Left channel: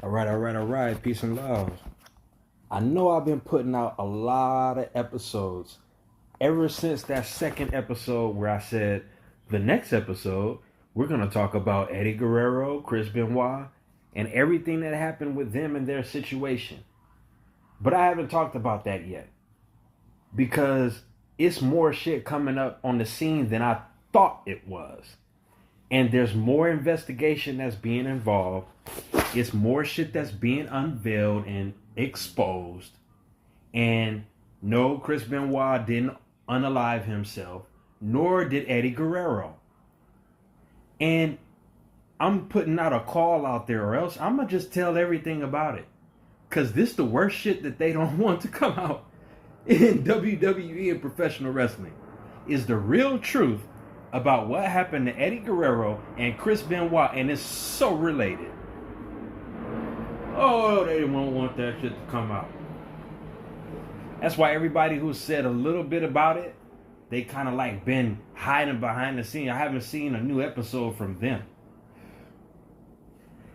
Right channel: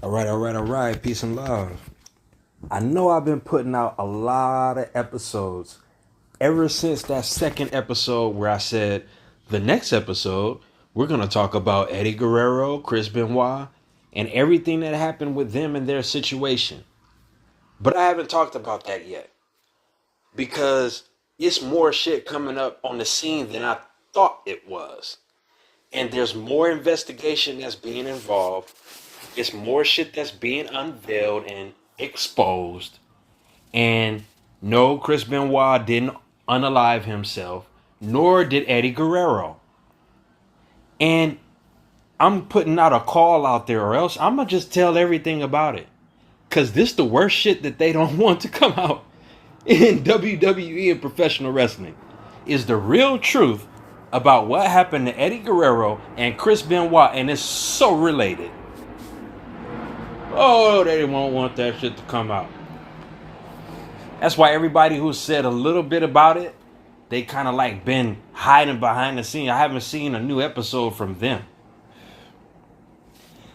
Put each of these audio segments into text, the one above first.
All right. Peace and love. I know I've been putting out a lot of episodes ever since that second episode where I said the next episode we're going to talk about Eddie Guerrero, Chris Benoit, and everything that happened with them and their situation. But I haven't talked about that yet because it's more shit coming up on the scene than I thought it was. And there's more investigation that's being involved. It's more shit that's being unveiled and exposed. And no, Chris Benoit didn't unalive himself, nor did Eddie Guerrero. And I'm putting out a call out there, or else I'm gonna just tell everything about it. Cause this the worst shit that they don't want to come out in WWE and professional wrestling. Is the real truth about what happened to Eddie Guerrero and Chris Benoit, and it's so related. Oh, they won't want that shit to come out. That's why everybody who said a little bit about it, they kind of like been hiding behind the scene. I haven't seen a new episode from them.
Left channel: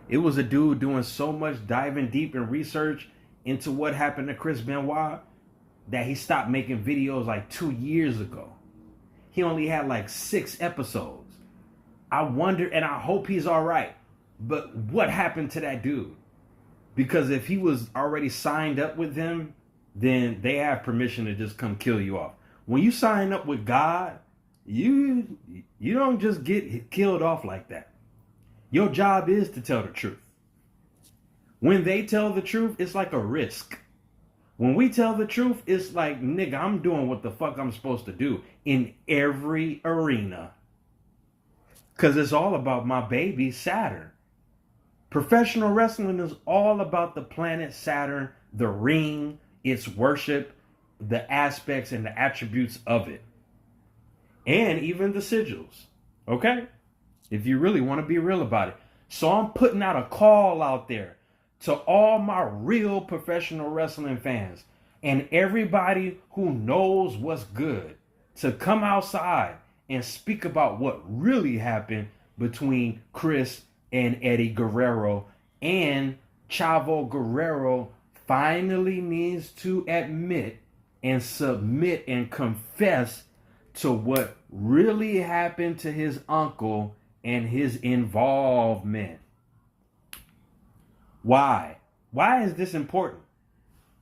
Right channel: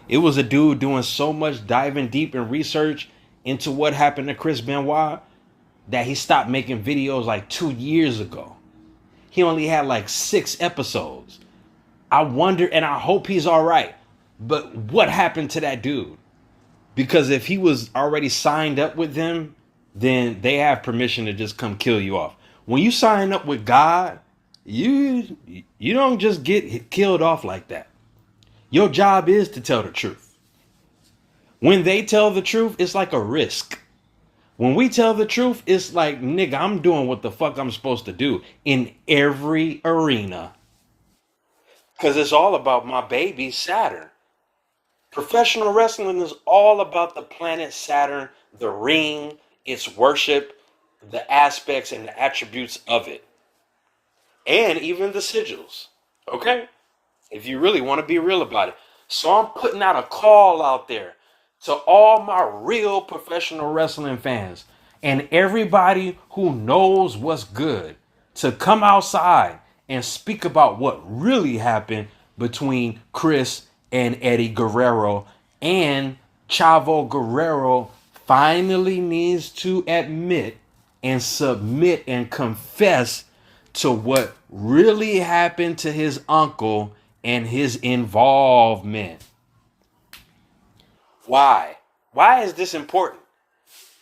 It was a dude doing so much diving deep in research into what happened to Chris Benoit that he stopped making videos like 2 years ago. He only had like 6 episodes. I wonder, and I hope he's all right. But what happened to that dude? Because if he was already signed up with them, then they have permission to just come kill you off. When you sign up with God, you don't just get killed off like that. Your job is to tell the truth. When they tell the truth, it's like a risk. When we tell the truth, it's like, nigga, I'm doing what the fuck I'm supposed to do in every arena. Because it's all about my baby, Saturn. Professional wrestling is all about the planet Saturn, the ring, its worship, the aspects and the attributes of it. And even the sigils. Okay? If you really want to be real about it. So I'm putting out a call out there to all my real professional wrestling fans and everybody who knows what's good to come outside and speak about what really happened between Chris and Eddie Guerrero. And Chavo Guerrero finally needs to admit and submit and confess to what really happened to his uncle and his involvement. Why? Why is this important?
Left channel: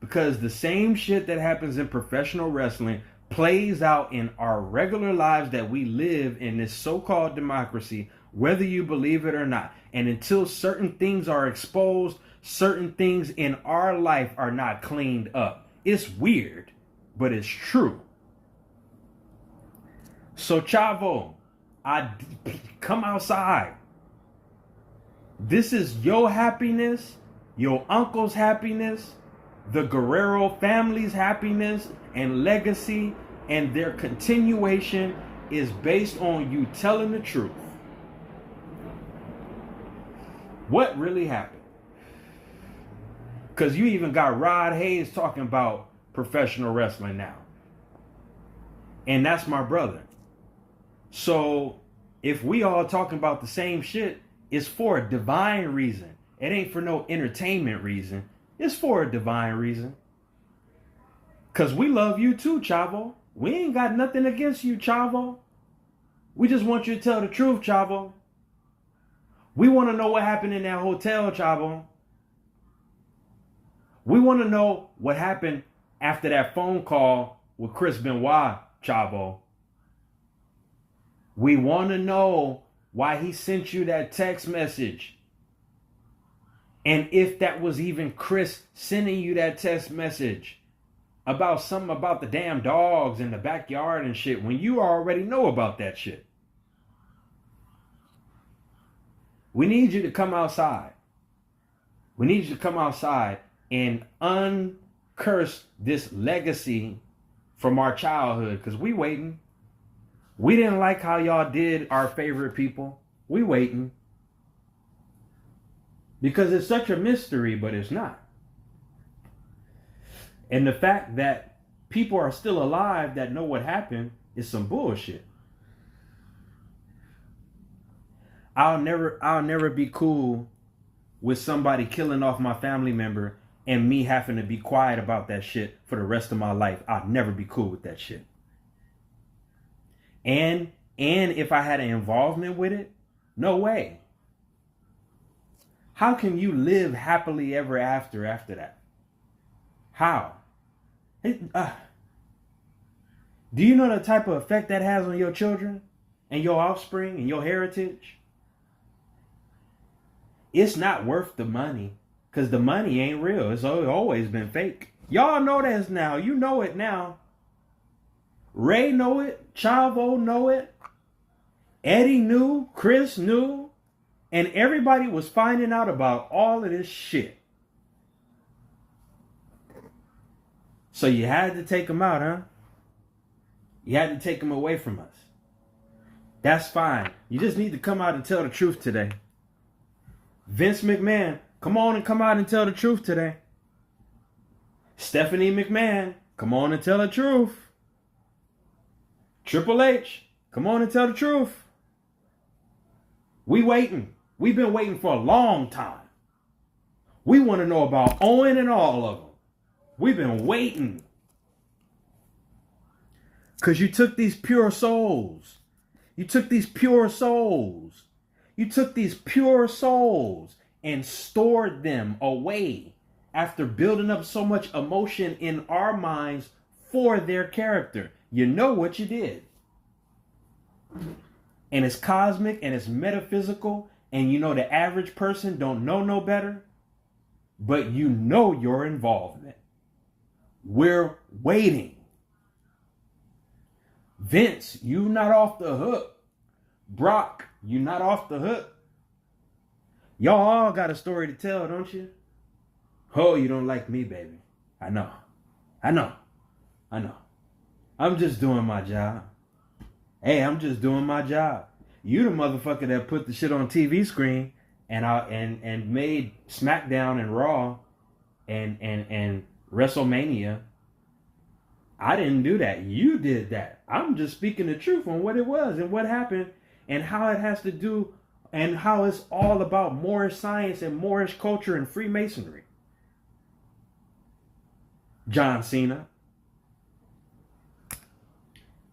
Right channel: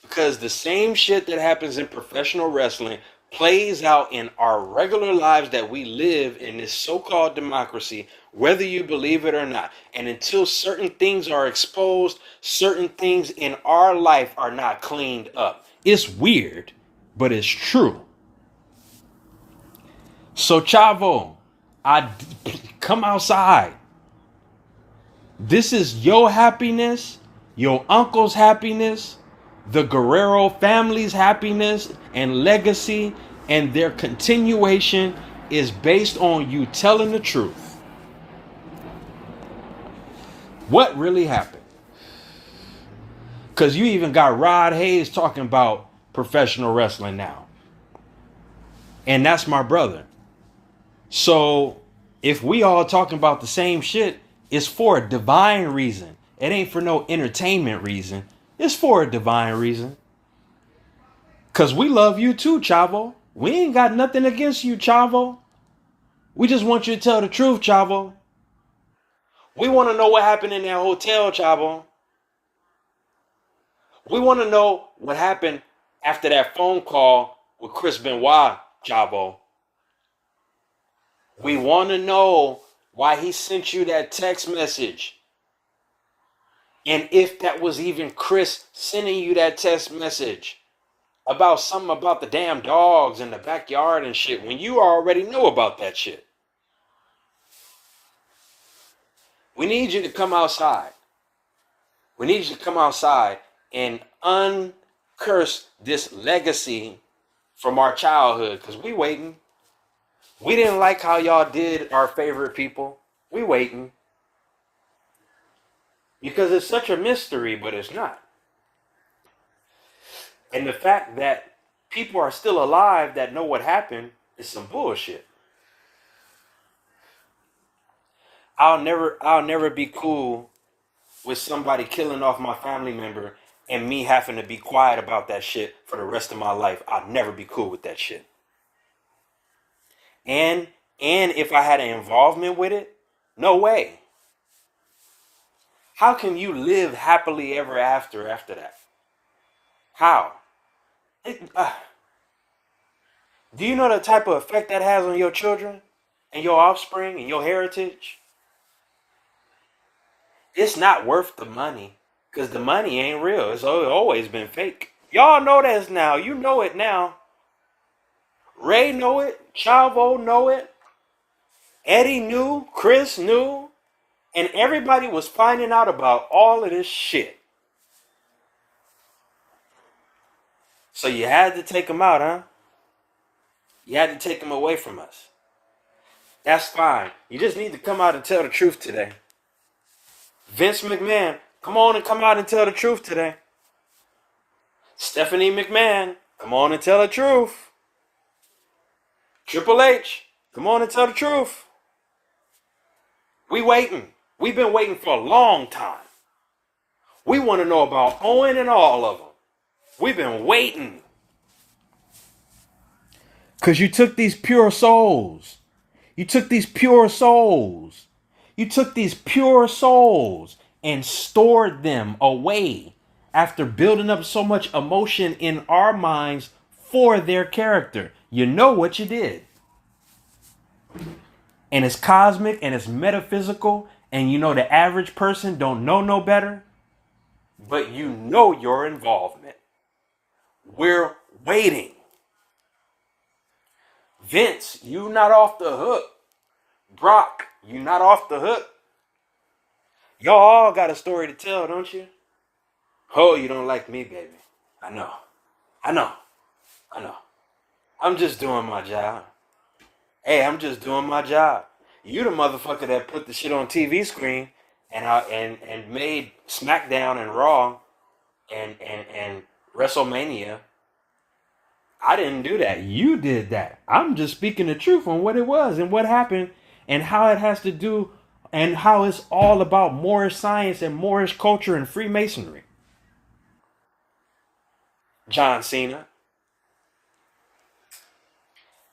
Because the same shit that happens in professional wrestling plays out in our regular lives that we live in this so-called democracy, whether you believe it or not. And until certain things are exposed, certain things in our life are not cleaned up. It's weird, but it's true. So Chavo, come outside. This is your happiness, your uncle's happiness, the Guerrero family's happiness and legacy, and their continuation is based on you telling the truth. What really happened? Because you even got Rod Hayes talking about professional wrestling now. And that's my brother. So if we all talking about the same shit, it's for a divine reason. It ain't for no entertainment reason. It's for a divine reason. Because we love you too, Chavo. We ain't got nothing against you, Chavo. We just want you to tell the truth, Chavo. We want to know what happened in that hotel, Chavo. We want to know what happened after that phone call with Chris Benoit, Chavo. We want to know why he sent you that text message. And if that was even Chris sending you that text message about something about the damn dogs in the backyard and shit, when you already know about that shit. We need you to come outside. We need you to come outside and uncurse this legacy from our childhood, because we waiting. We didn't like how y'all did our favorite people. We waiting. Because it's such a mystery, but it's not. And the fact that people are still alive that know what happened is some bullshit. I'll never be cool with somebody killing off my family member and me having to be quiet about that shit for the rest of my life. I'd never be cool with that shit. And if I had an involvement with it, no way. How can you live happily ever after that? How? Do you know the type of effect that has on your children and your offspring and your heritage? It's not worth the money, because the money ain't real. It's always been fake. Y'all know this now. You know it now. Ray know it. Chavo know it. Eddie knew. Chris knew. And everybody was finding out about all of this shit. So you had to take them out, huh? You had to take them away from us. That's fine. You just need to come out and tell the truth today. Vince McMahon, come on and come out and tell the truth today. Stephanie McMahon, come on and tell the truth. Triple H, come on and tell the truth. We waiting. We've been waiting for a long time. We want to know about Owen and all of them. We've been waiting. Because you took these pure souls. You took these pure souls. You took these pure souls and stored them away after building up so much emotion in our minds for their character. You know what you did. And it's cosmic and it's metaphysical. And you know the average person don't know no better. But you know your involvement. We're waiting. Vince, you not off the hook. Brock, you not off the hook. Y'all all got a story to tell, don't you? Oh, you don't like me, baby. I know. I'm just doing my job. Hey, I'm just doing my job. You the motherfucker that put the shit on TV screen and made SmackDown and Raw and WrestleMania. I didn't do that. You did that. I'm just speaking the truth on what it was and what happened and how it has to do and how it's all about Moorish science and Moorish culture and Freemasonry. John Cena.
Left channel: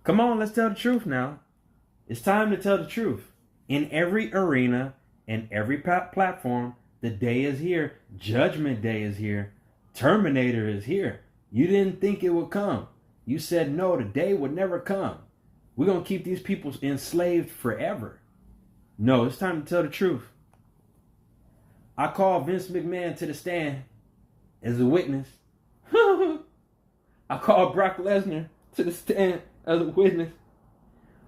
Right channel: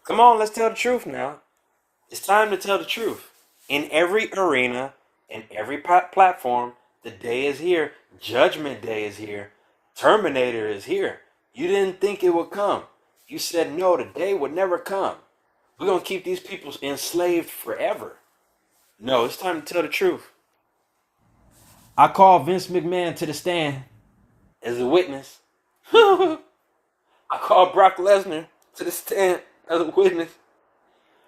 Come on, let's tell the truth now. It's time to tell the truth. In every arena, in every platform, the day is here. Judgment Day is here. Terminator is here. You didn't think it would come. You said no, the day would never come. We're going to keep these people enslaved forever. No, it's time to tell the truth. I call Vince McMahon to the stand as a witness. I call Brock Lesnar to the stand as a witness.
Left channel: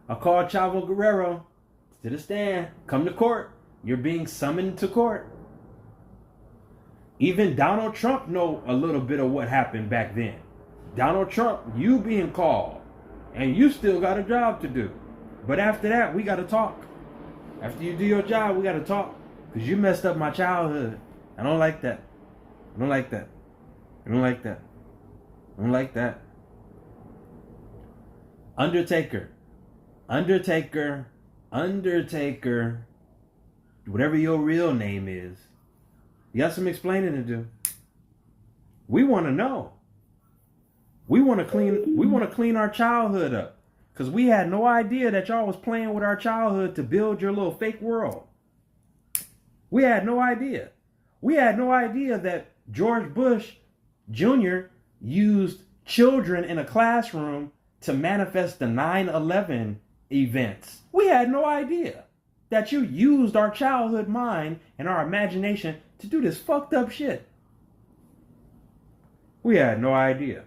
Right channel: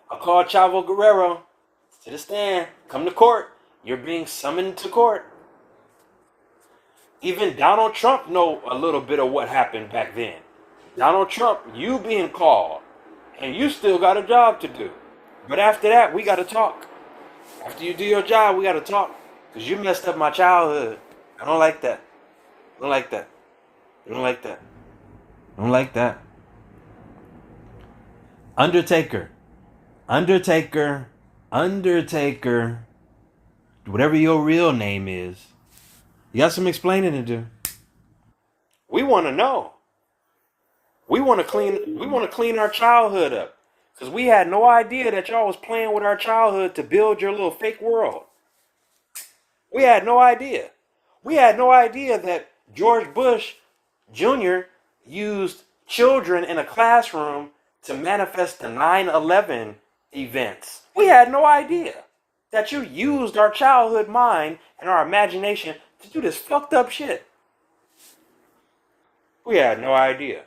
I call Chavo Guerrero to the stand. Come to court. You're being summoned to court. Even Donald Trump know a little bit of what happened back then. Donald Trump, you being called. And you still got a job to do. But after that, we got to talk. After you do your job, we got to talk. Because you messed up my childhood. I don't like that. I don't like that. I don't like that. I don't like that. Undertaker. Whatever your real name is. You got some explaining to do. We want to know. We want to clean our childhood up. Because we had no idea that y'all was playing with our childhood to build your little fake world. We had no idea. We had no idea that George Bush Jr. used children in a classroom to manifest the 9/11 events. We had no idea that you used our childhood mind and our imagination to do this fucked up shit. We had no idea.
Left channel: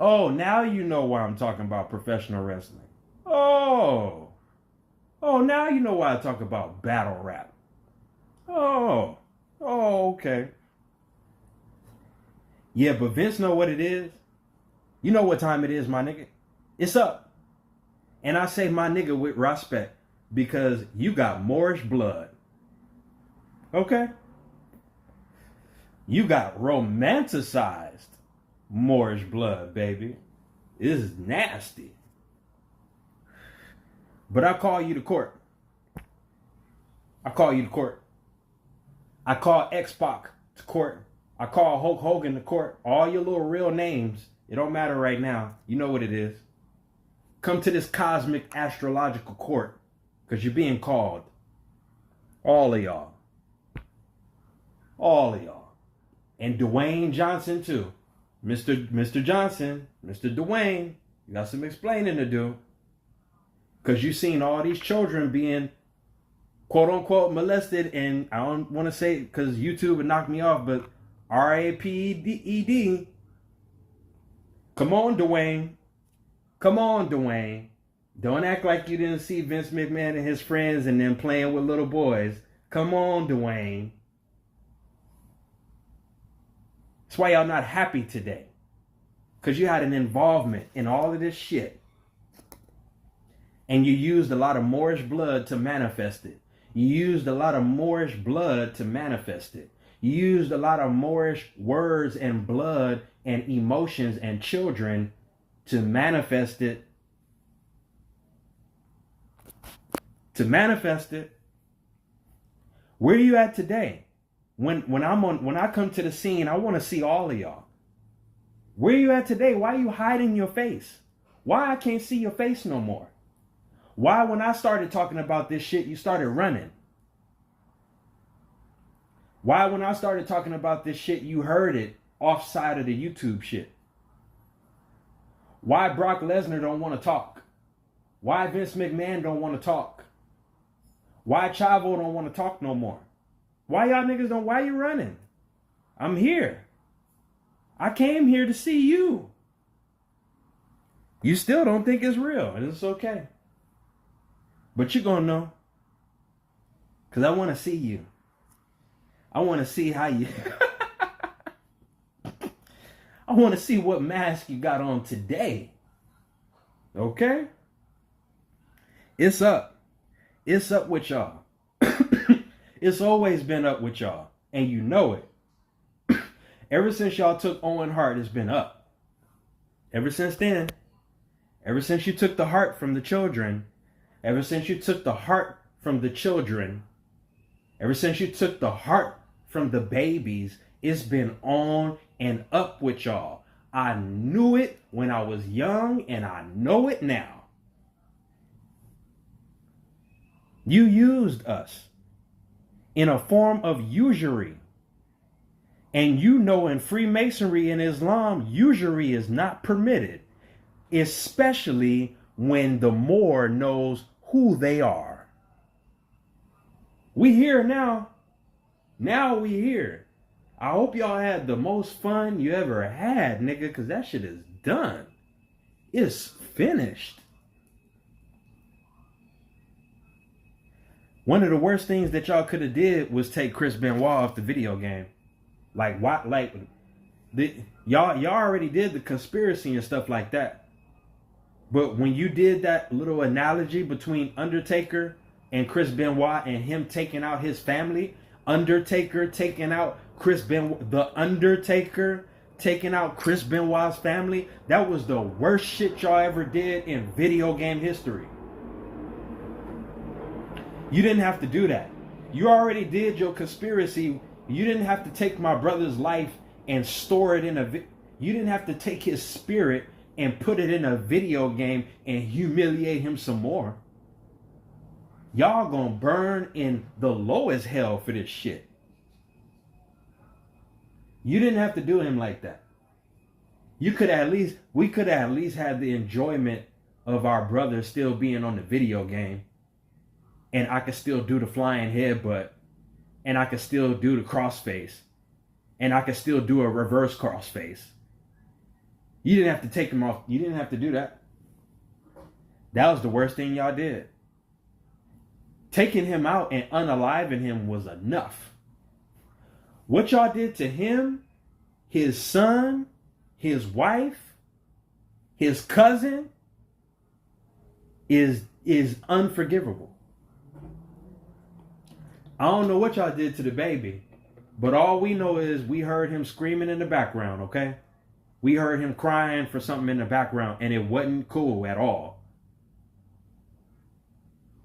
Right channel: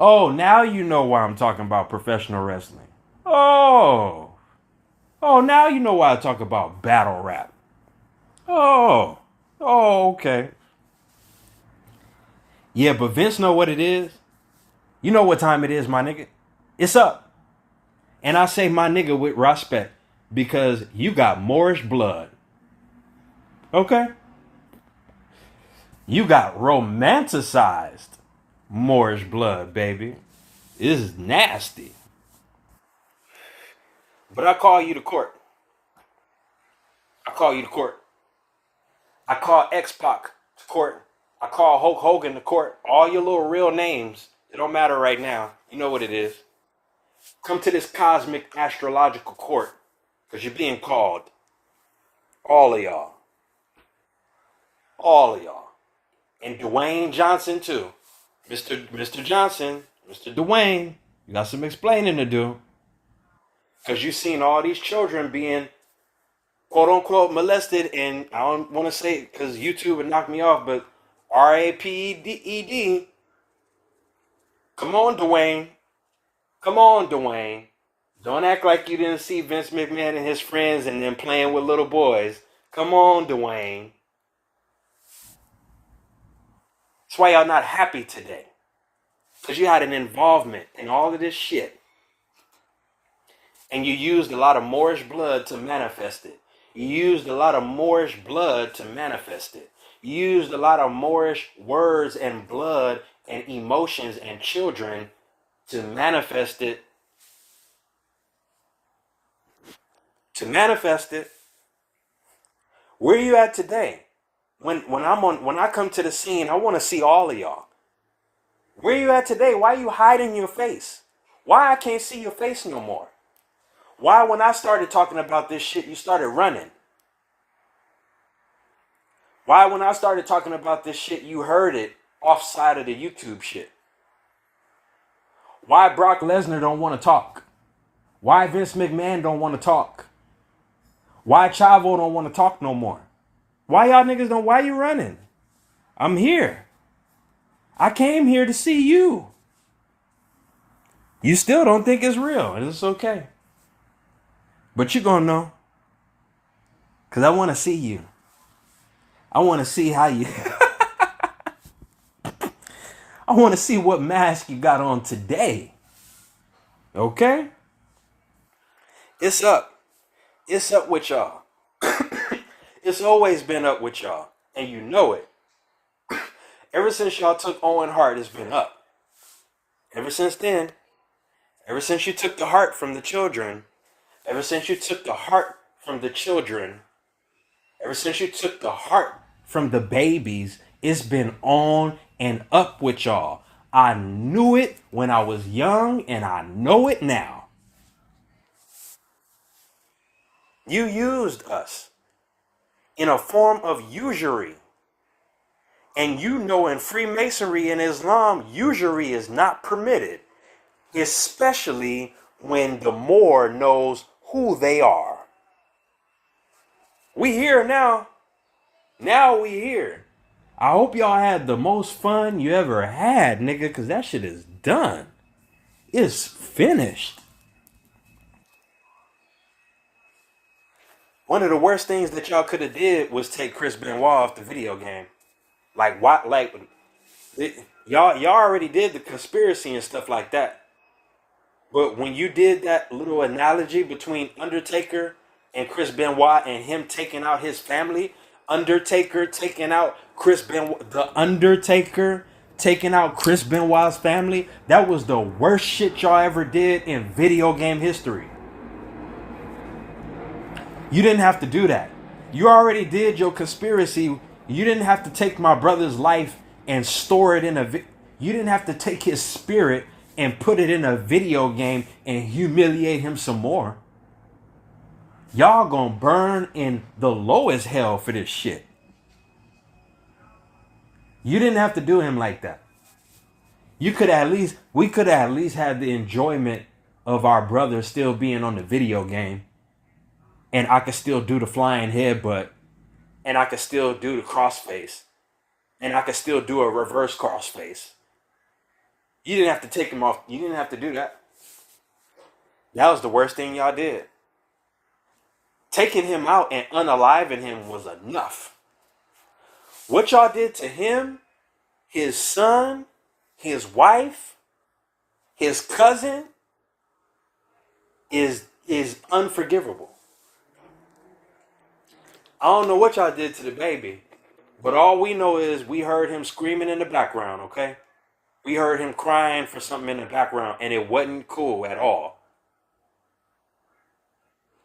Oh, now you know why I'm talking about professional wrestling. Oh, now you know why I talk about battle rap. Oh, okay. Yeah, but Vince know what it is. You know what time it is, my nigga. It's up. And I say my nigga with respect because you got Moorish blood. Okay? You got romanticized Moorish blood, baby. This is nasty. But I call you to court. I call X-Pac to court. I call Hulk Hogan to court. All your little real names. It don't matter right now. You know what it is. Come to this cosmic astrological court. Because you're being called. All of y'all. All of y'all. And Dwayne Johnson too. Mr. Johnson. Mr. Dwayne. You got some explaining to do. Because you've seen all these children being quote unquote molested, and I don't want to say it because YouTube would knock me off, but RAPED. Come on, Dwayne. Come on, Dwayne. Don't act like you didn't see Vince McMahon and his friends and them playing with little boys. Come on, Dwayne. That's why y'all not happy today. Because you had an involvement in all of this shit. And you used a lot of Moorish blood to manifest it. You used a lot of Moorish blood to manifest it. You used a lot of Moorish words and blood and emotions and children to manifest it. To manifest it. Where are you at today? When I come to the scene, I want to see all of y'all. Where are you at today? Why are you hiding your face? Why I can't see your face no more? Why, when I started talking about this shit, you started running? Why, when I started talking about this shit, you heard it offside of the YouTube shit? Why Brock Lesnar don't want to talk? Why Vince McMahon don't want to talk? Why Chavo don't want to talk no more? Why y'all niggas don't? Why you running? I'm here. I came here to see you. You still don't think it's real, and it's okay. But you're going to know. Because I want to see you. I want to see how you... I want to see what mask you got on today. Okay? It's up. It's up with y'all. It's always been up with y'all. And you know it. Ever since y'all took Owen Hart, it's been up. Ever since then. Ever since you took the heart from the children... Ever since you took the heart from the children, ever since you took the heart from the babies, it's been on and up with y'all. I knew it when I was young, and I know it now. You used us in a form of usury. And you know in Freemasonry and Islam, usury is not permitted, especially when the Moor knows who they are. We here now. Now we here. I hope y'all had the most fun you ever had, nigga, because that shit is done. It's finished. One of the worst things that y'all could have did was take Chris Benoit off the video game. Like, what? Like, y'all already did the conspiracy and stuff like that. But when you did that little analogy between Undertaker and Chris Benoit and him taking out his family, Undertaker taking out Chris Benoit, the Undertaker taking out Chris Benoit's family, that was the worst shit y'all ever did in video game history. You didn't have to do that. You already did your conspiracy. You didn't have to take my brother's life and store it in you didn't have to take his spirit and put it in a video game and humiliate him some more. Y'all gonna burn in the lowest hell for this shit. You didn't have to do him like that. We could have at least had the enjoyment of our brother still being on the video game. And I could still do the flying headbutt. And I could still do the crossface. And I could still do a reverse crossface. You didn't have to take him off. You didn't have to do that. That was the worst thing y'all did. Taking him out and unaliving him was enough. What y'all did to him, his son, his wife, his cousin is unforgivable. I don't know what y'all did to the baby, but all we know is we heard him screaming in the background, okay? We heard him crying for something in the background, and it wasn't cool at all.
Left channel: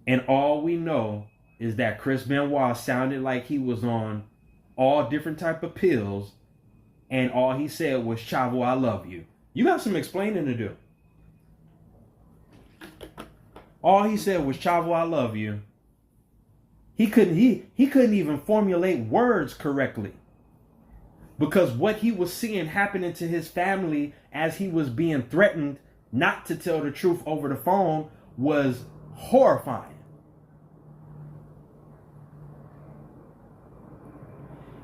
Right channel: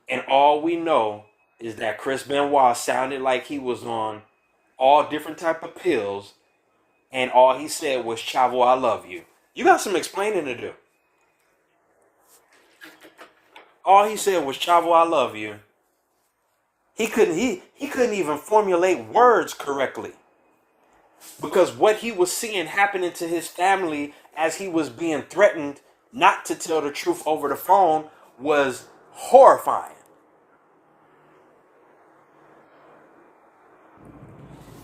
And all we know is that Chris Benoit sounded like he was on all different type of pills, and all he said was, Chavo, I love you. You got some explaining to do. All he said was, Chavo, I love you. He couldn't even formulate words correctly. Because what he was seeing happening to his family as he was being threatened not to tell the truth over the phone was horrifying.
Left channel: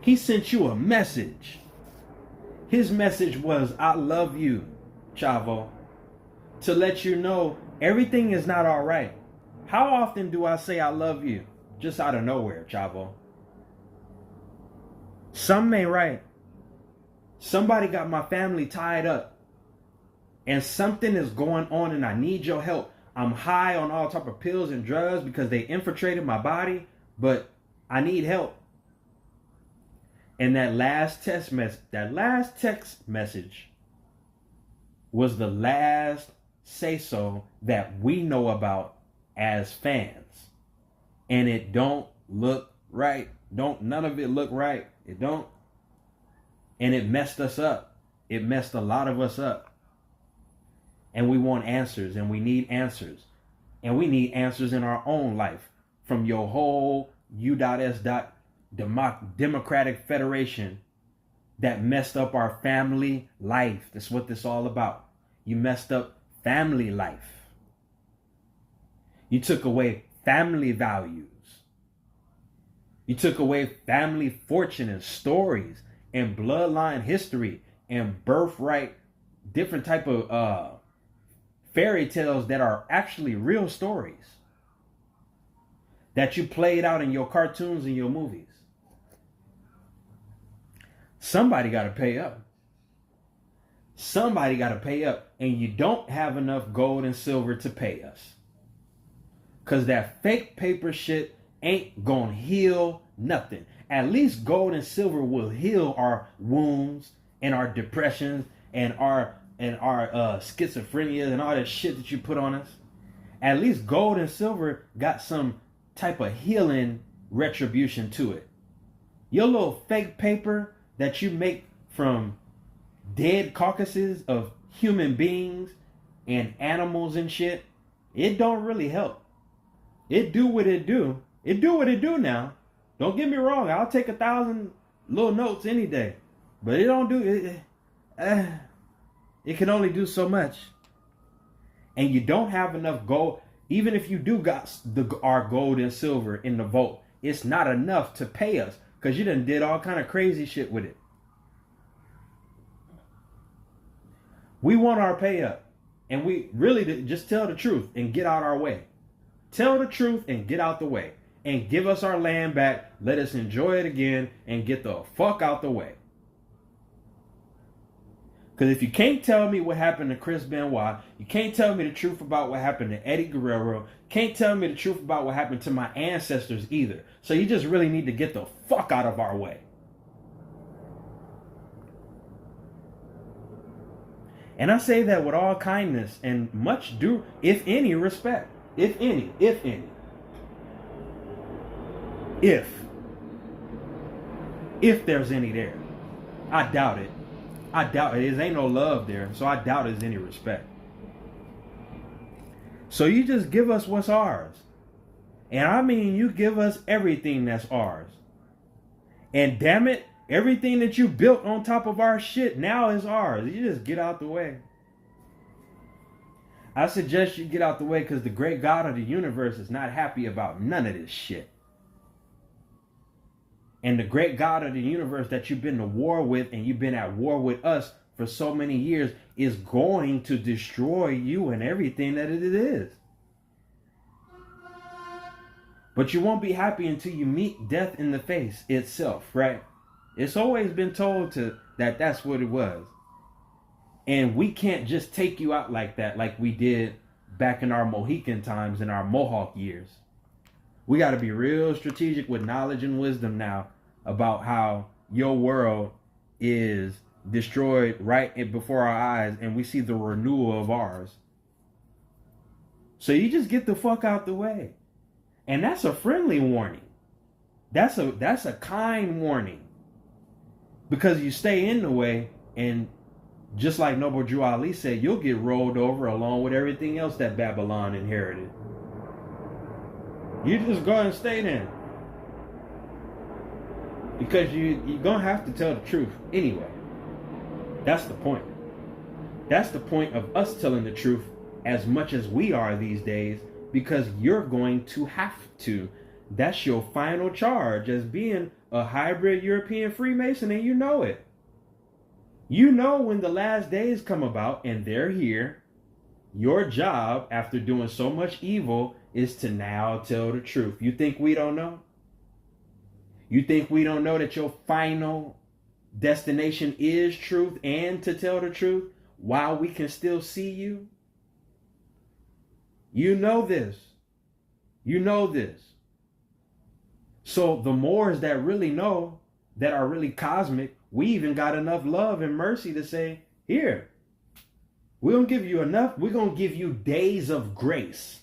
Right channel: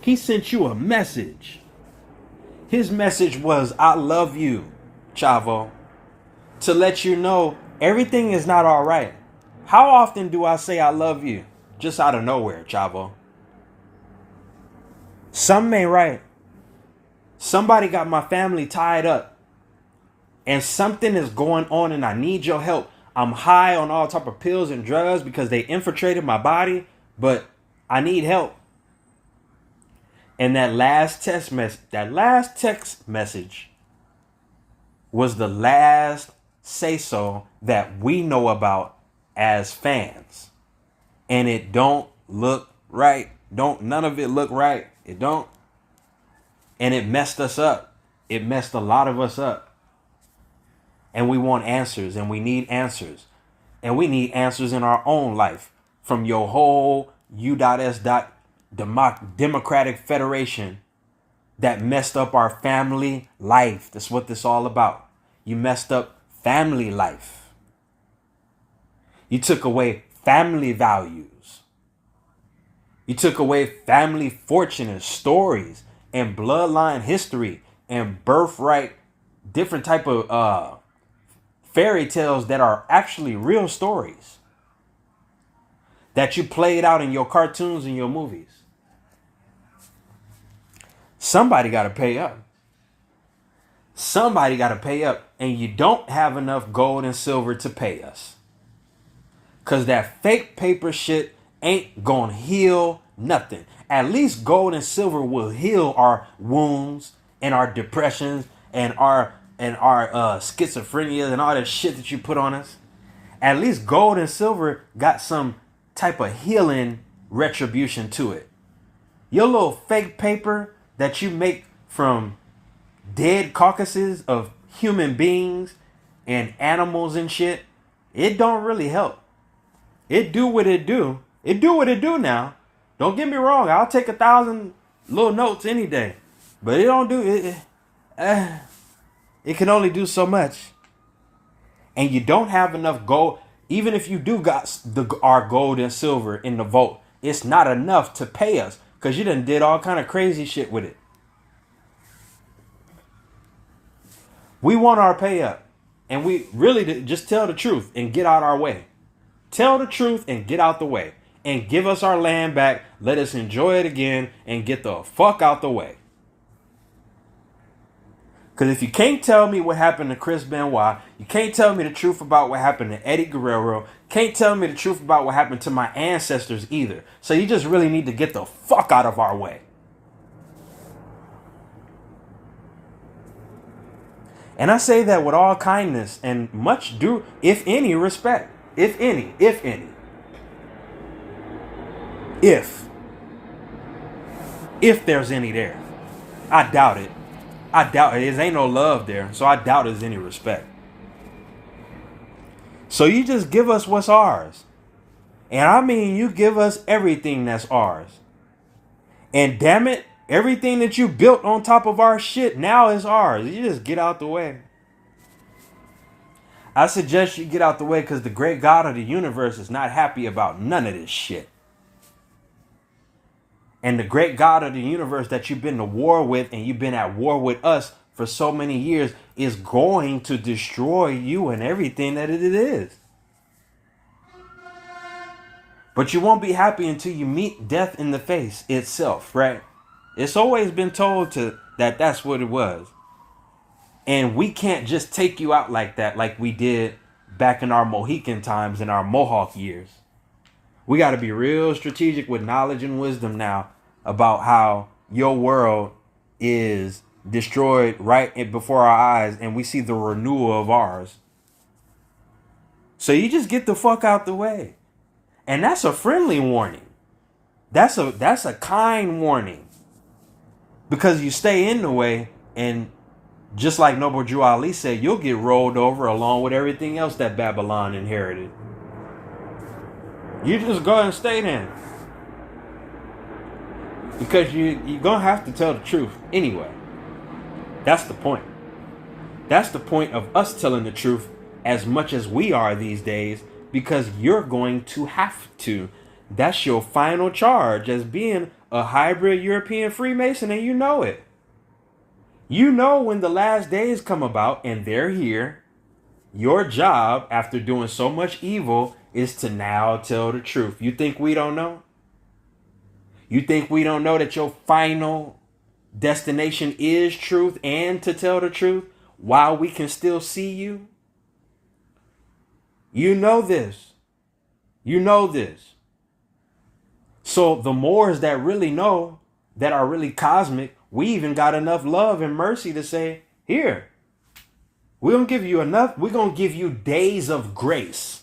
He sent you a message. His message was, I love you, Chavo, to let you know everything is not all right. How often do I say I love you just out of nowhere, Chavo? Something ain't right. Somebody got my family tied up and something is going on and I need your help. I'm high on all type of pills and drugs because they infiltrated my body, but I need help. And that last text message was the last say-so that we know about as fans. And it don't look right. None of it look right. It don't. And it messed us up. It messed a lot of us up. And we want answers, and we need answers. And we need answers in our own life from your whole U.S. Democratic Federation that messed up our family life. That's what this all about. You messed up family life. You took away family values. You took away family fortune and stories and bloodline history and birthright, different type of fairy tales that are actually real stories that you played out in your cartoons and your movies. Somebody got to pay up. Somebody got to pay up, and you don't have enough gold and silver to pay us. Because that fake paper shit ain't gonna heal nothing. At least gold and silver will heal our wounds and our depressions and our schizophrenia and all that shit that you put on us. At least gold and silver got some type of healing retribution to it. Your little fake paper that you make from dead carcasses of human beings and animals and shit, it don't really help. It do what it do. It do what it do now. Don't get me wrong. I'll take 1,000 little notes any day. But it don't do it. It can only do so much. And you don't have enough gold. Even if you do got our gold and silver in the vault, it's not enough to pay us. Because you done did all kind of crazy shit with it. We want our pay up. And we really just tell the truth and get out our way. Tell the truth and get out the way. And give us our land back. Let us enjoy it again and get the fuck out the way. Because if you can't tell me what happened to Chris Benoit, you can't tell me the truth about what happened to Eddie Guerrero, can't tell me the truth about what happened to my ancestors either. So you just really need to get the fuck out of our way. And I say that with all kindness and much due, if any, respect. If any. If there's any there. I doubt it. There ain't no love there. So I doubt there's any respect. So you just give us what's ours. And I mean, you give us everything that's ours. And damn it, everything that you built on top of our shit now is ours. You just get out the way. I suggest you get out the way because the great God of the universe is not happy about none of this shit. And the great God of the universe that you've been to war with and you've been at war with us for so many years is going to destroy you and everything that it is. But you won't be happy until you meet death in the face itself, right? It's always been told that that's what it was. And we can't just take you out like that, like we did back in our Mohican times and our Mohawk years. We got to be real strategic with knowledge and wisdom now about how your world is destroyed right before our eyes and we see the renewal of ours. So you just get the fuck out the way. And that's a friendly warning. That's a kind warning. Because you stay in the way, and just like Noble Drew Ali said, you'll get rolled over along with everything else that Babylon inherited. You just go and stay there. Because you're going to have to tell the truth anyway. That's the point. That's the point of us telling the truth as much as we are these days, because you're going to have to. That's your final charge as being a hybrid European Freemason, and you know it. You know when the last days come about and they're here, your job after doing so much evil is to now tell the truth. You think we don't know? You think we don't know that your final destination is truth and to tell the truth while we can still see you? You know this. You know this. So the Moors that really know, that are really cosmic, we even got enough love and mercy to say, here, we're going to give you enough. We're going to give you days of grace.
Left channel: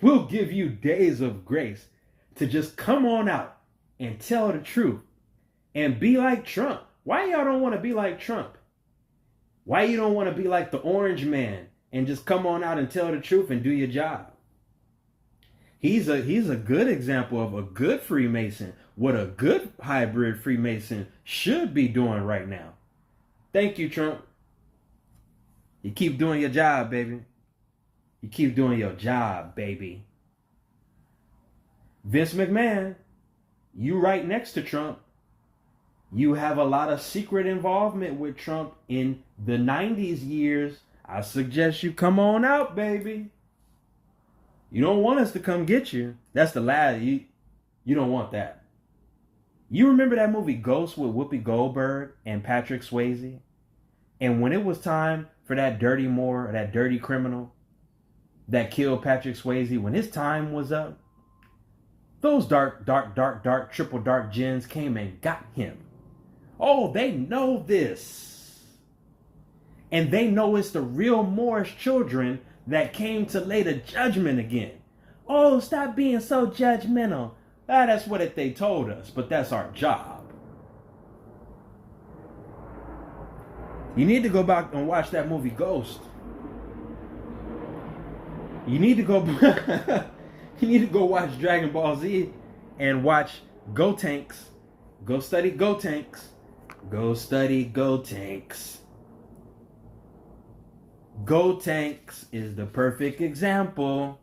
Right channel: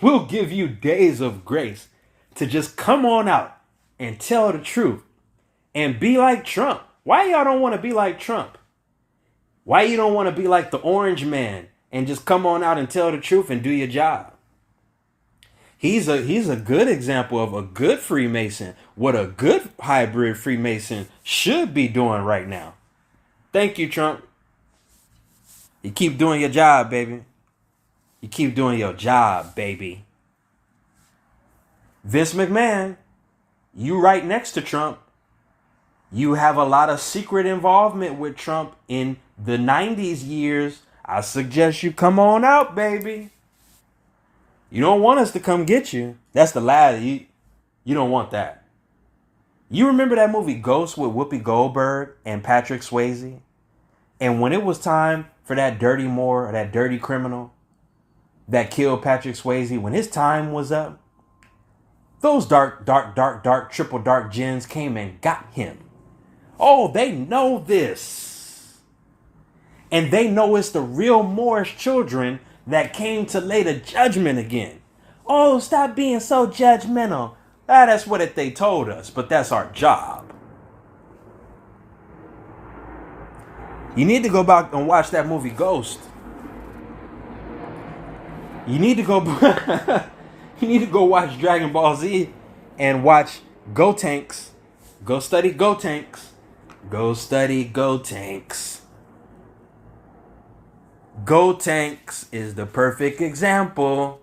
We'll give you days of grace to just come on out and tell the truth and be like Trump. Why y'all don't want to be like Trump? Why you don't want to be like the Orange Man and just come on out and tell the truth and do your job? He's a good example of a good Freemason, what a good hybrid Freemason should be doing right now. Thank you, Trump. You keep doing your job, baby. You keep doing your job, baby. Vince McMahon, you right next to Trump. You have a lot of secret involvement with Trump in the 90s years. I suggest you come on out, baby. You don't want us to come get you. That's the lie. You don't want that. You remember that movie Ghost with Whoopi Goldberg and Patrick Swayze? And when it was time for that dirty Moor, or that dirty criminal that killed Patrick Swayze, when his time was up, those dark triple dark gins came and got him. Oh, they know this. And they know it's the real Moorish children that came to lay the judgment again. Oh, stop being so judgmental. That's what they told us, but that's our job. You need to go back and watch that movie Ghost. You need to go you need to go watch Dragon Ball Z and watch Go Tanks. Go study Go Tanks. Go study Go Tanks. Go Tanks is the perfect example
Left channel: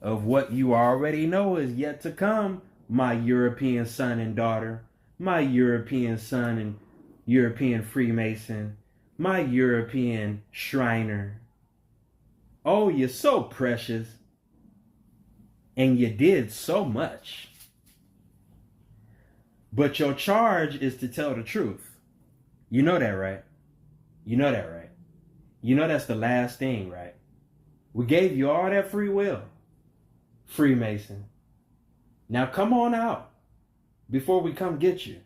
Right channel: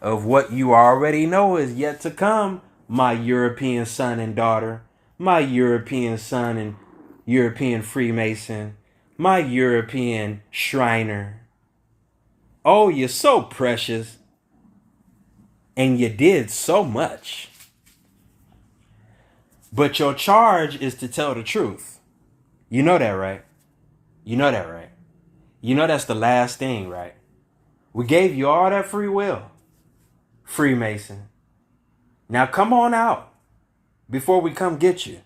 of what you already know is yet to come, my European son and daughter, my European son and European Freemason, my European Shriner. Oh, you're so precious. And you did so much. But your charge is to tell the truth. You know that, right? You know that, right? You know that's the last thing, right? We gave you all that free will, Freemason. Now come on out before we come get you.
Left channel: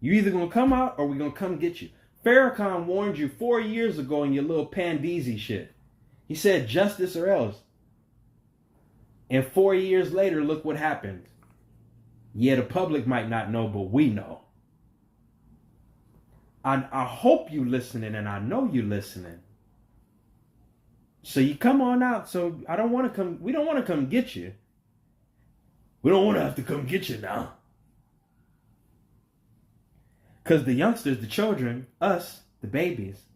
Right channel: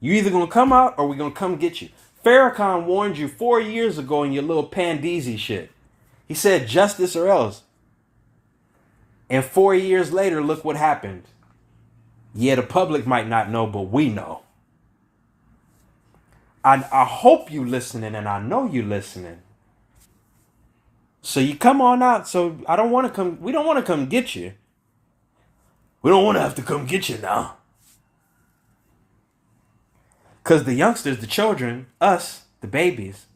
You either going to come out or we're going to come get you. Farrakhan warned you 4 years ago in your little Pandeezy shit. He said justice or else. And 4 years later, look what happened. Yeah, the public might not know, but we know. I hope you listening, and I know you listening. So you come on out. So I don't want to come. We don't want to come get you. We don't want to have to come get you now. Because the youngsters, the children, us, the babies,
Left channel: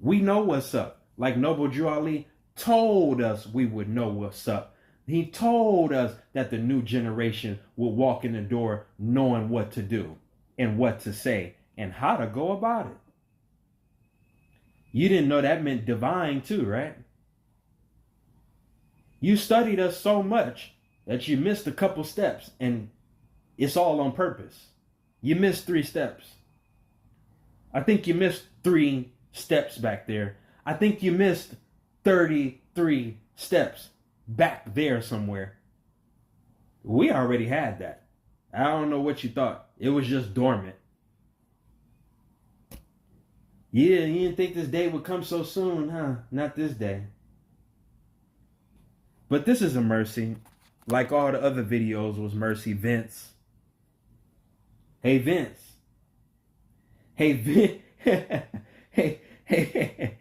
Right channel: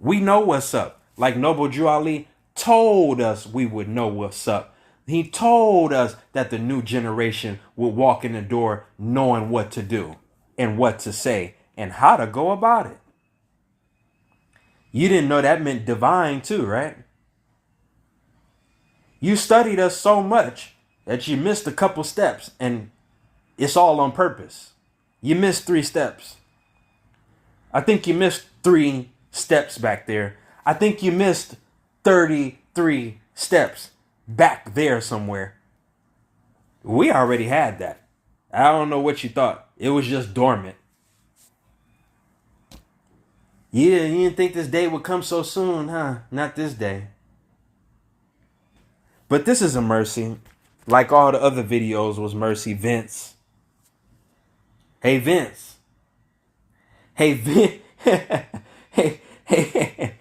we know what's up. Like Noble Drew Ali told us we would know what's up. He told us that the new generation would walk in the door knowing what to do and what to say and how to go about it. You didn't know that meant divine too, right? You studied us so much that you missed a couple steps, and it's all on purpose. You missed 3 steps. I think you missed 3 steps back there. I think you missed 33 steps back there somewhere. We already had that. I don't know what you thought. It was just dormant. Yeah, you didn't think this day would come so soon, huh? Not this day. But this is a mercy. Like all the other videos was mercy. Vince. Hey, Vince. Hey, Vince. Hey.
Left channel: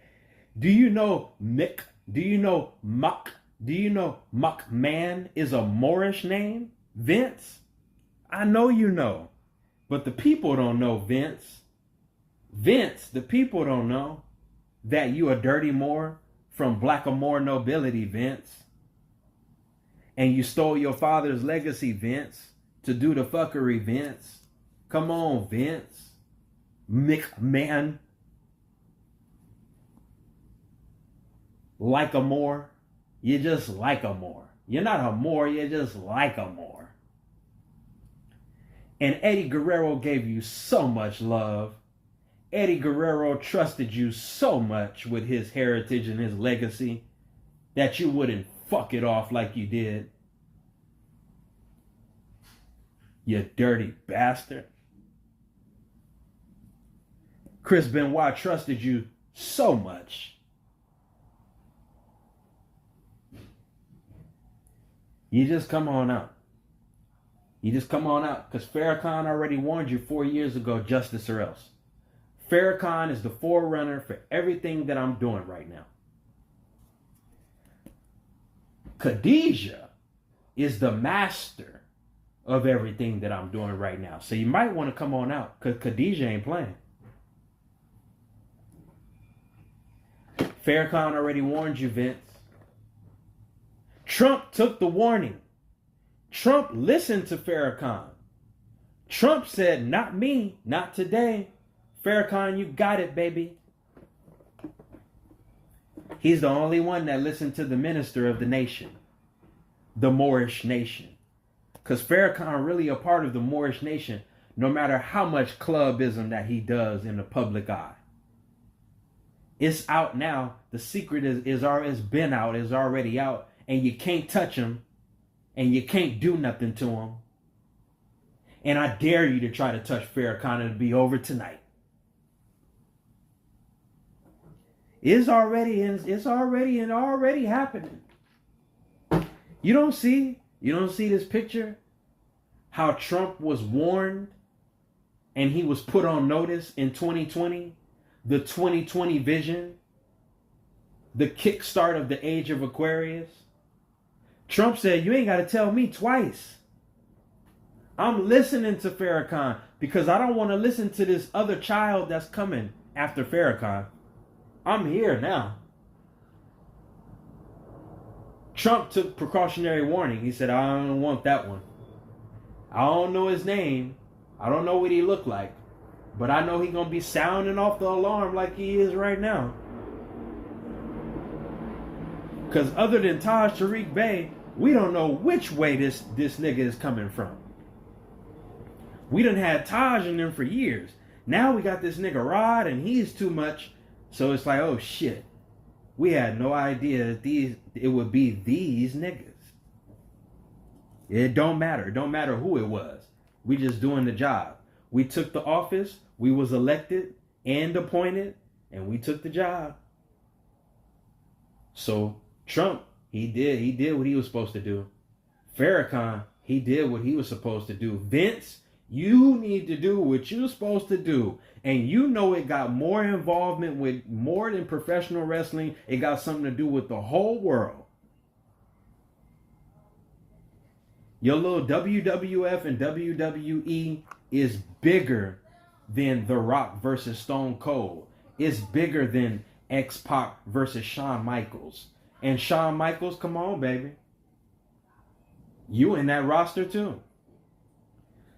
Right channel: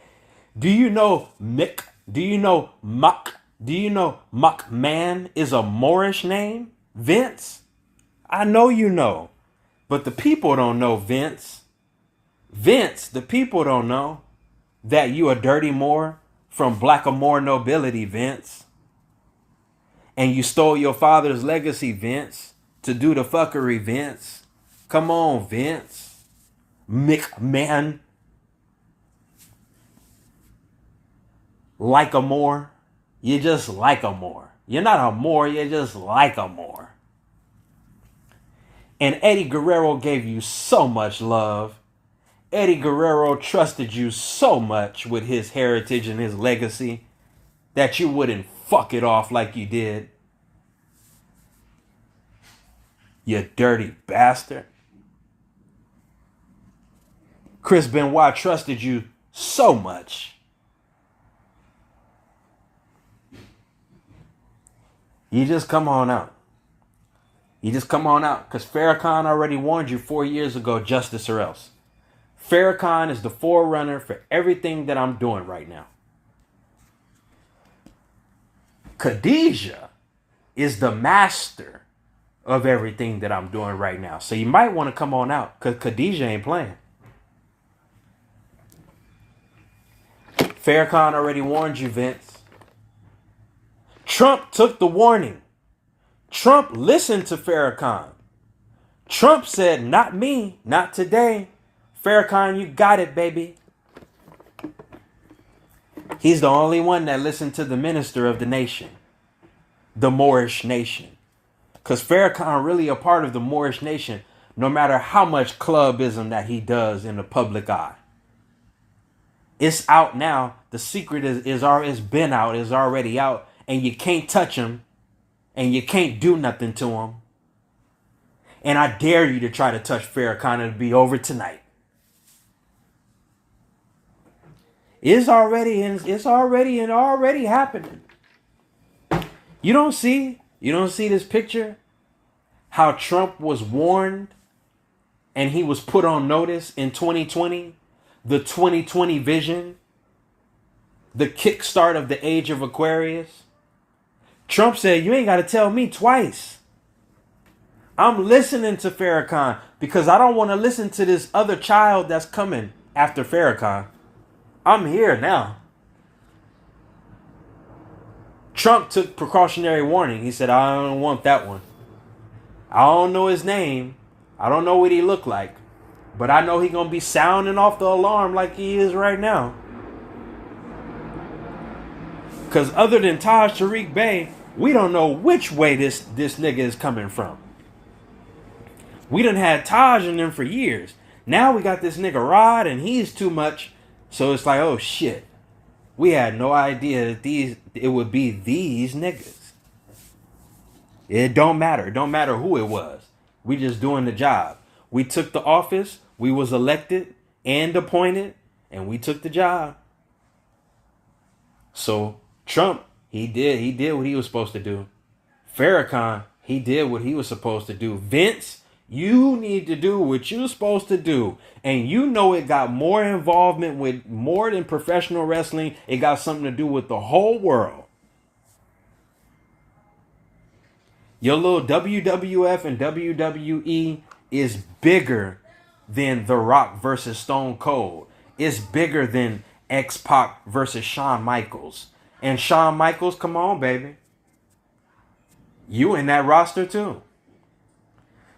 Do you know Mick? Do you know Muck? Do you know Muckman is a Moorish name? Vince? I know you know. But the people don't know, Vince. Vince, the people don't know that you a dirty Moor from Blackamoor nobility, Vince. And you stole your father's legacy, Vince, to do the fuckery, Vince. Come on, Vince. McMahon. Like a Moor. You just like a Moor. You're not a Moor, you're just like a Moor. And Eddie Guerrero gave you so much love. Eddie Guerrero trusted you so much with his heritage and his legacy that you wouldn't fuck it off like you did. You dirty bastard. Chris Benoit trusted you so much. You just come on out. You just come on out. Because Farrakhan already warned you 4 years ago, justice or else. Farrakhan is the forerunner for everything that I'm doing right now. Khadijah is the master of everything that I'm doing right now. So you might want to come on out because Khadijah ain't playing. Farrakhan already warned you, Vince. Trump took the warning. Trump listened to Farrakhan. Trump said, not me, not today. Farrakhan, you got it, baby. He's the only one that listened to the minister of the nation, the Moorish nation. Because Farrakhan really a part of the Moorish nation, no matter how much clubism that he does in the public eye. It's out now. The secret is been out, is already out, and you can't touch him, and you can't do nothing to him. And I dare you to try to touch Farrakhan. It'll be over tonight. It's already happening. You don't see this picture? How Trump was warned and he was put on notice in 2020, the 2020 vision, the kickstart of the age of Aquarius. Trump said, you ain't got to tell me twice. I'm listening to Farrakhan because I don't want to listen to this other child that's coming after Farrakhan. I'm here now. Trump took precautionary warning. He said, I don't want that one. I don't know his name. I don't know what he looked like. But I know he's going to be sounding off the alarm like he is right now. Because other than Taj Tariq Bey, we don't know which way this nigga is coming from. We done had Taj in them for years. Now we got this nigga Rod and he's too much. So it's like, oh shit. We had no idea that it would be these niggas. It don't matter. It don't matter who it was. We just doing the job. We took the office. We was elected and appointed. And we took the job. So Trump, he did what he was supposed to do. Farrakhan, he did what he was supposed to do. Vince, you need to do what you're supposed to do. And you know it got more involvement with more than professional wrestling. It got something to do with the whole world. Your little WWF and WWE is bigger than The Rock versus Stone Cold. It's bigger than X-Pac versus Shawn Michaels. And Shawn Michaels, come on, baby. You in that roster too.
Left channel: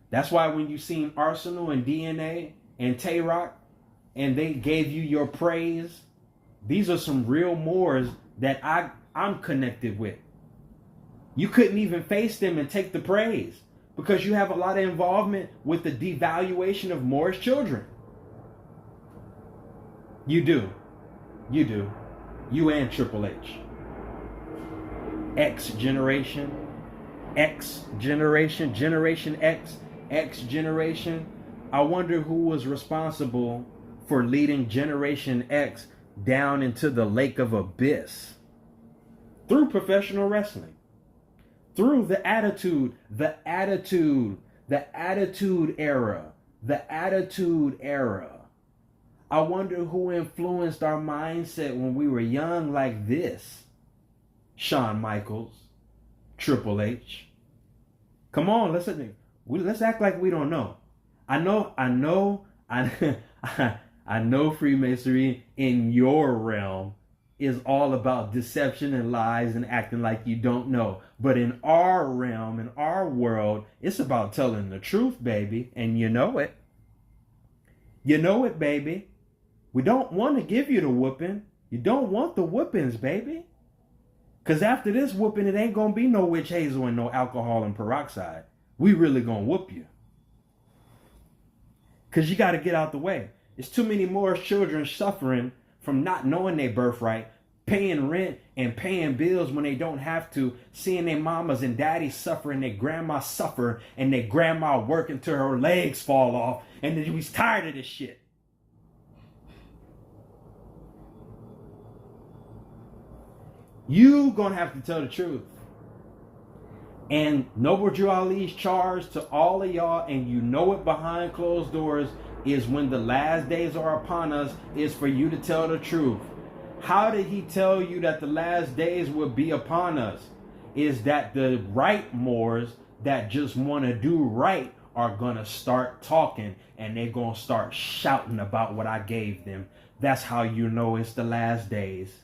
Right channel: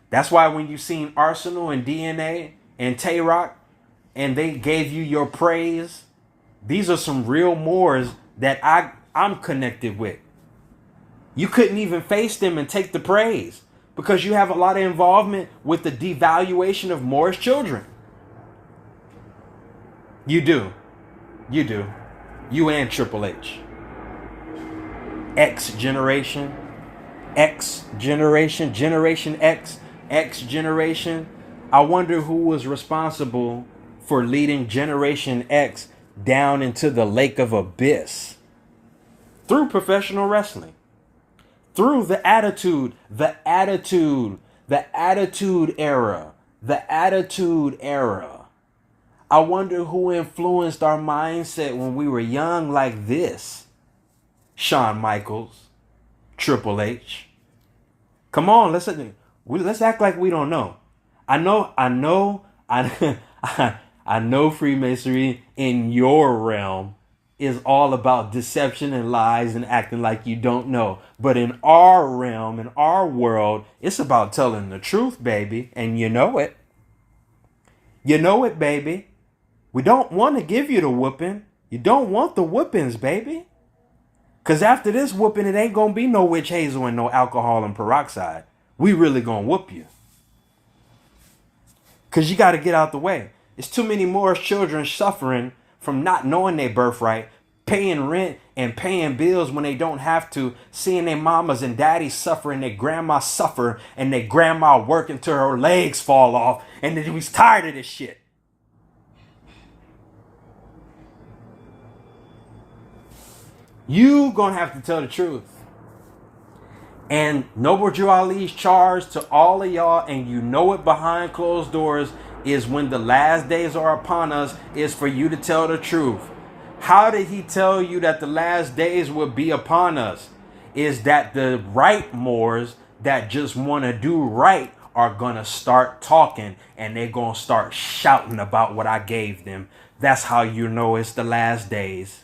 That's why when you seen Arsenal and DNA and Tay-Rock and they gave you your praise, these are some real Moors that I'm connected with. You couldn't even face them and take the praise because you have a lot of involvement with the devaluation of Moorish children. You do. You do. You and Triple H. X generation. Generation X generation. I wonder who was responsible for leading Generation X down into the lake of abyss through professional wrestling, through the attitude The Attitude Era. The Attitude Era. I wonder who influenced our mindset when we were young like this. Shawn Michaels, Triple H. Come on, let's act like we don't know. I know Freemasonry in your realm is all about deception and lies and acting like you don't know. But in our realm, in our world, it's about telling the truth, baby. And you know it. You know it, baby. We don't want to give you the whooping. You don't want the whoopings, baby. Because after this whooping, it ain't going to be no witch hazel and no alcohol and peroxide. We really going to whoop you. Because you got to get out the way. It's too many more children suffering from not knowing their birthright, paying rent and paying bills when they don't have to, seeing their mamas and daddies suffer and their grandma suffer and their grandma work until her legs fall off, and then we was tired of this shit. You gonna have to tell the truth. And Noble Drew Ali's charge to all of y'all, and you know it behind closed doors, is when the last days are upon us, is for you to tell the truth. How did he tell you that the last days will be upon us? Is that the right mores that just want to do right are going to start talking, and they're going to start shouting about what I gave them. That's how you know it's the last days.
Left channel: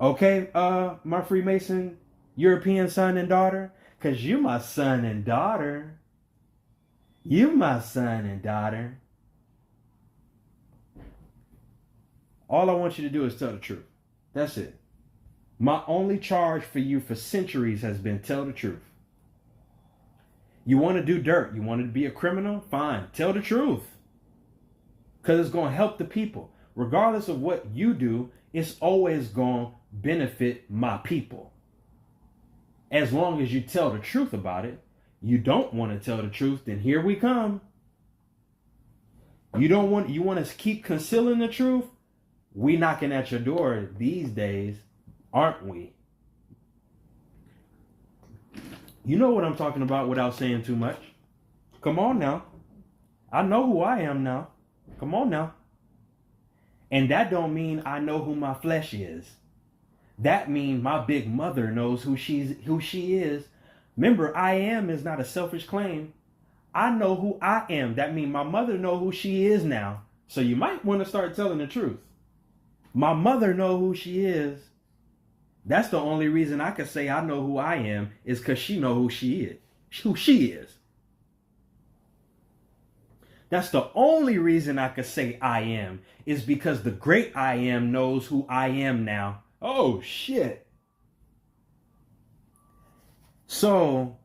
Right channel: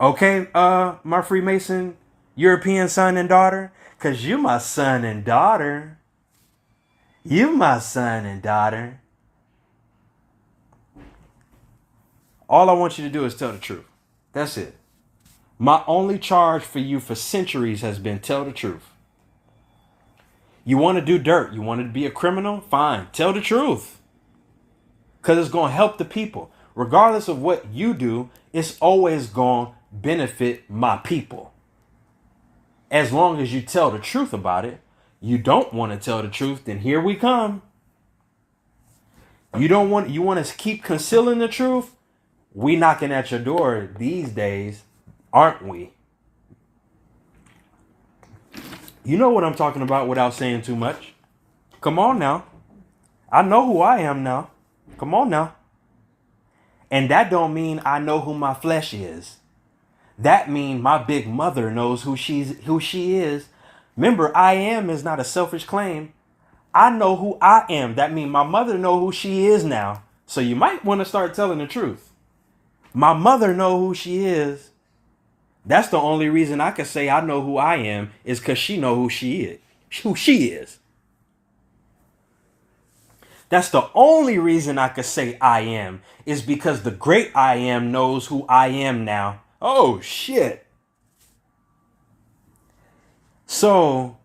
Okay, my Freemason European son and daughter, because you my son and daughter. You my son and daughter. All I want you to do is tell the truth. That's it. My only charge for you for centuries has been tell the truth. You want to do dirt? You want to be a criminal? Fine. Tell the truth. Because it's going to help the people. Regardless of what you do, it's always going to benefit my people. As long as you tell the truth about it. You don't want to tell the truth, then here we come. You want to keep concealing the truth? We knocking at your door these days, aren't we? You know what I'm talking about without saying too much. Come on now. I know who I am now. Come on now. And that don't mean I know who my flesh is. That means my big mother knows who she is. Remember, I am is not a selfish claim. I know who I am. That means my mother know who she is now. So you might want to start telling the truth. My mother know who she is. That's the only reason I can say I know who I am, is because she know who she is. Who she is. That's the only reason I could say I am, is because the great I am knows who I am now. Oh shit. So,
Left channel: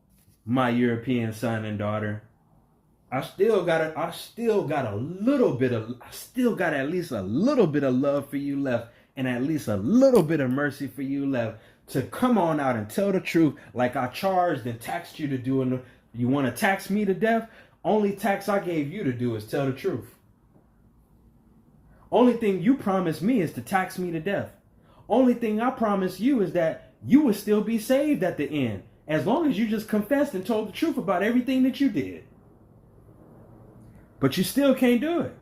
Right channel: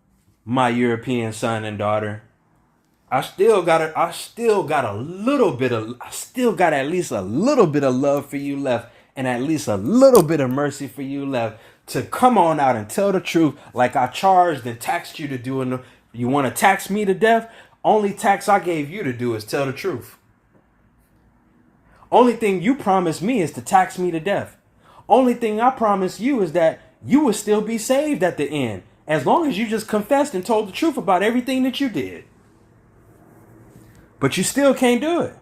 my European son and daughter, I still got at least a little bit of love for you left, and at least a little bit of mercy for you left, to come on out and tell the truth like I charged and taxed you to do. You want to tax me to death? Only tax I gave you to do is tell the truth. Only thing you promised me is to tax me to death. Only thing I promise you is that you will still be saved at the end, as long as you just confessed and told the truth about everything that you did. But you still can't do it.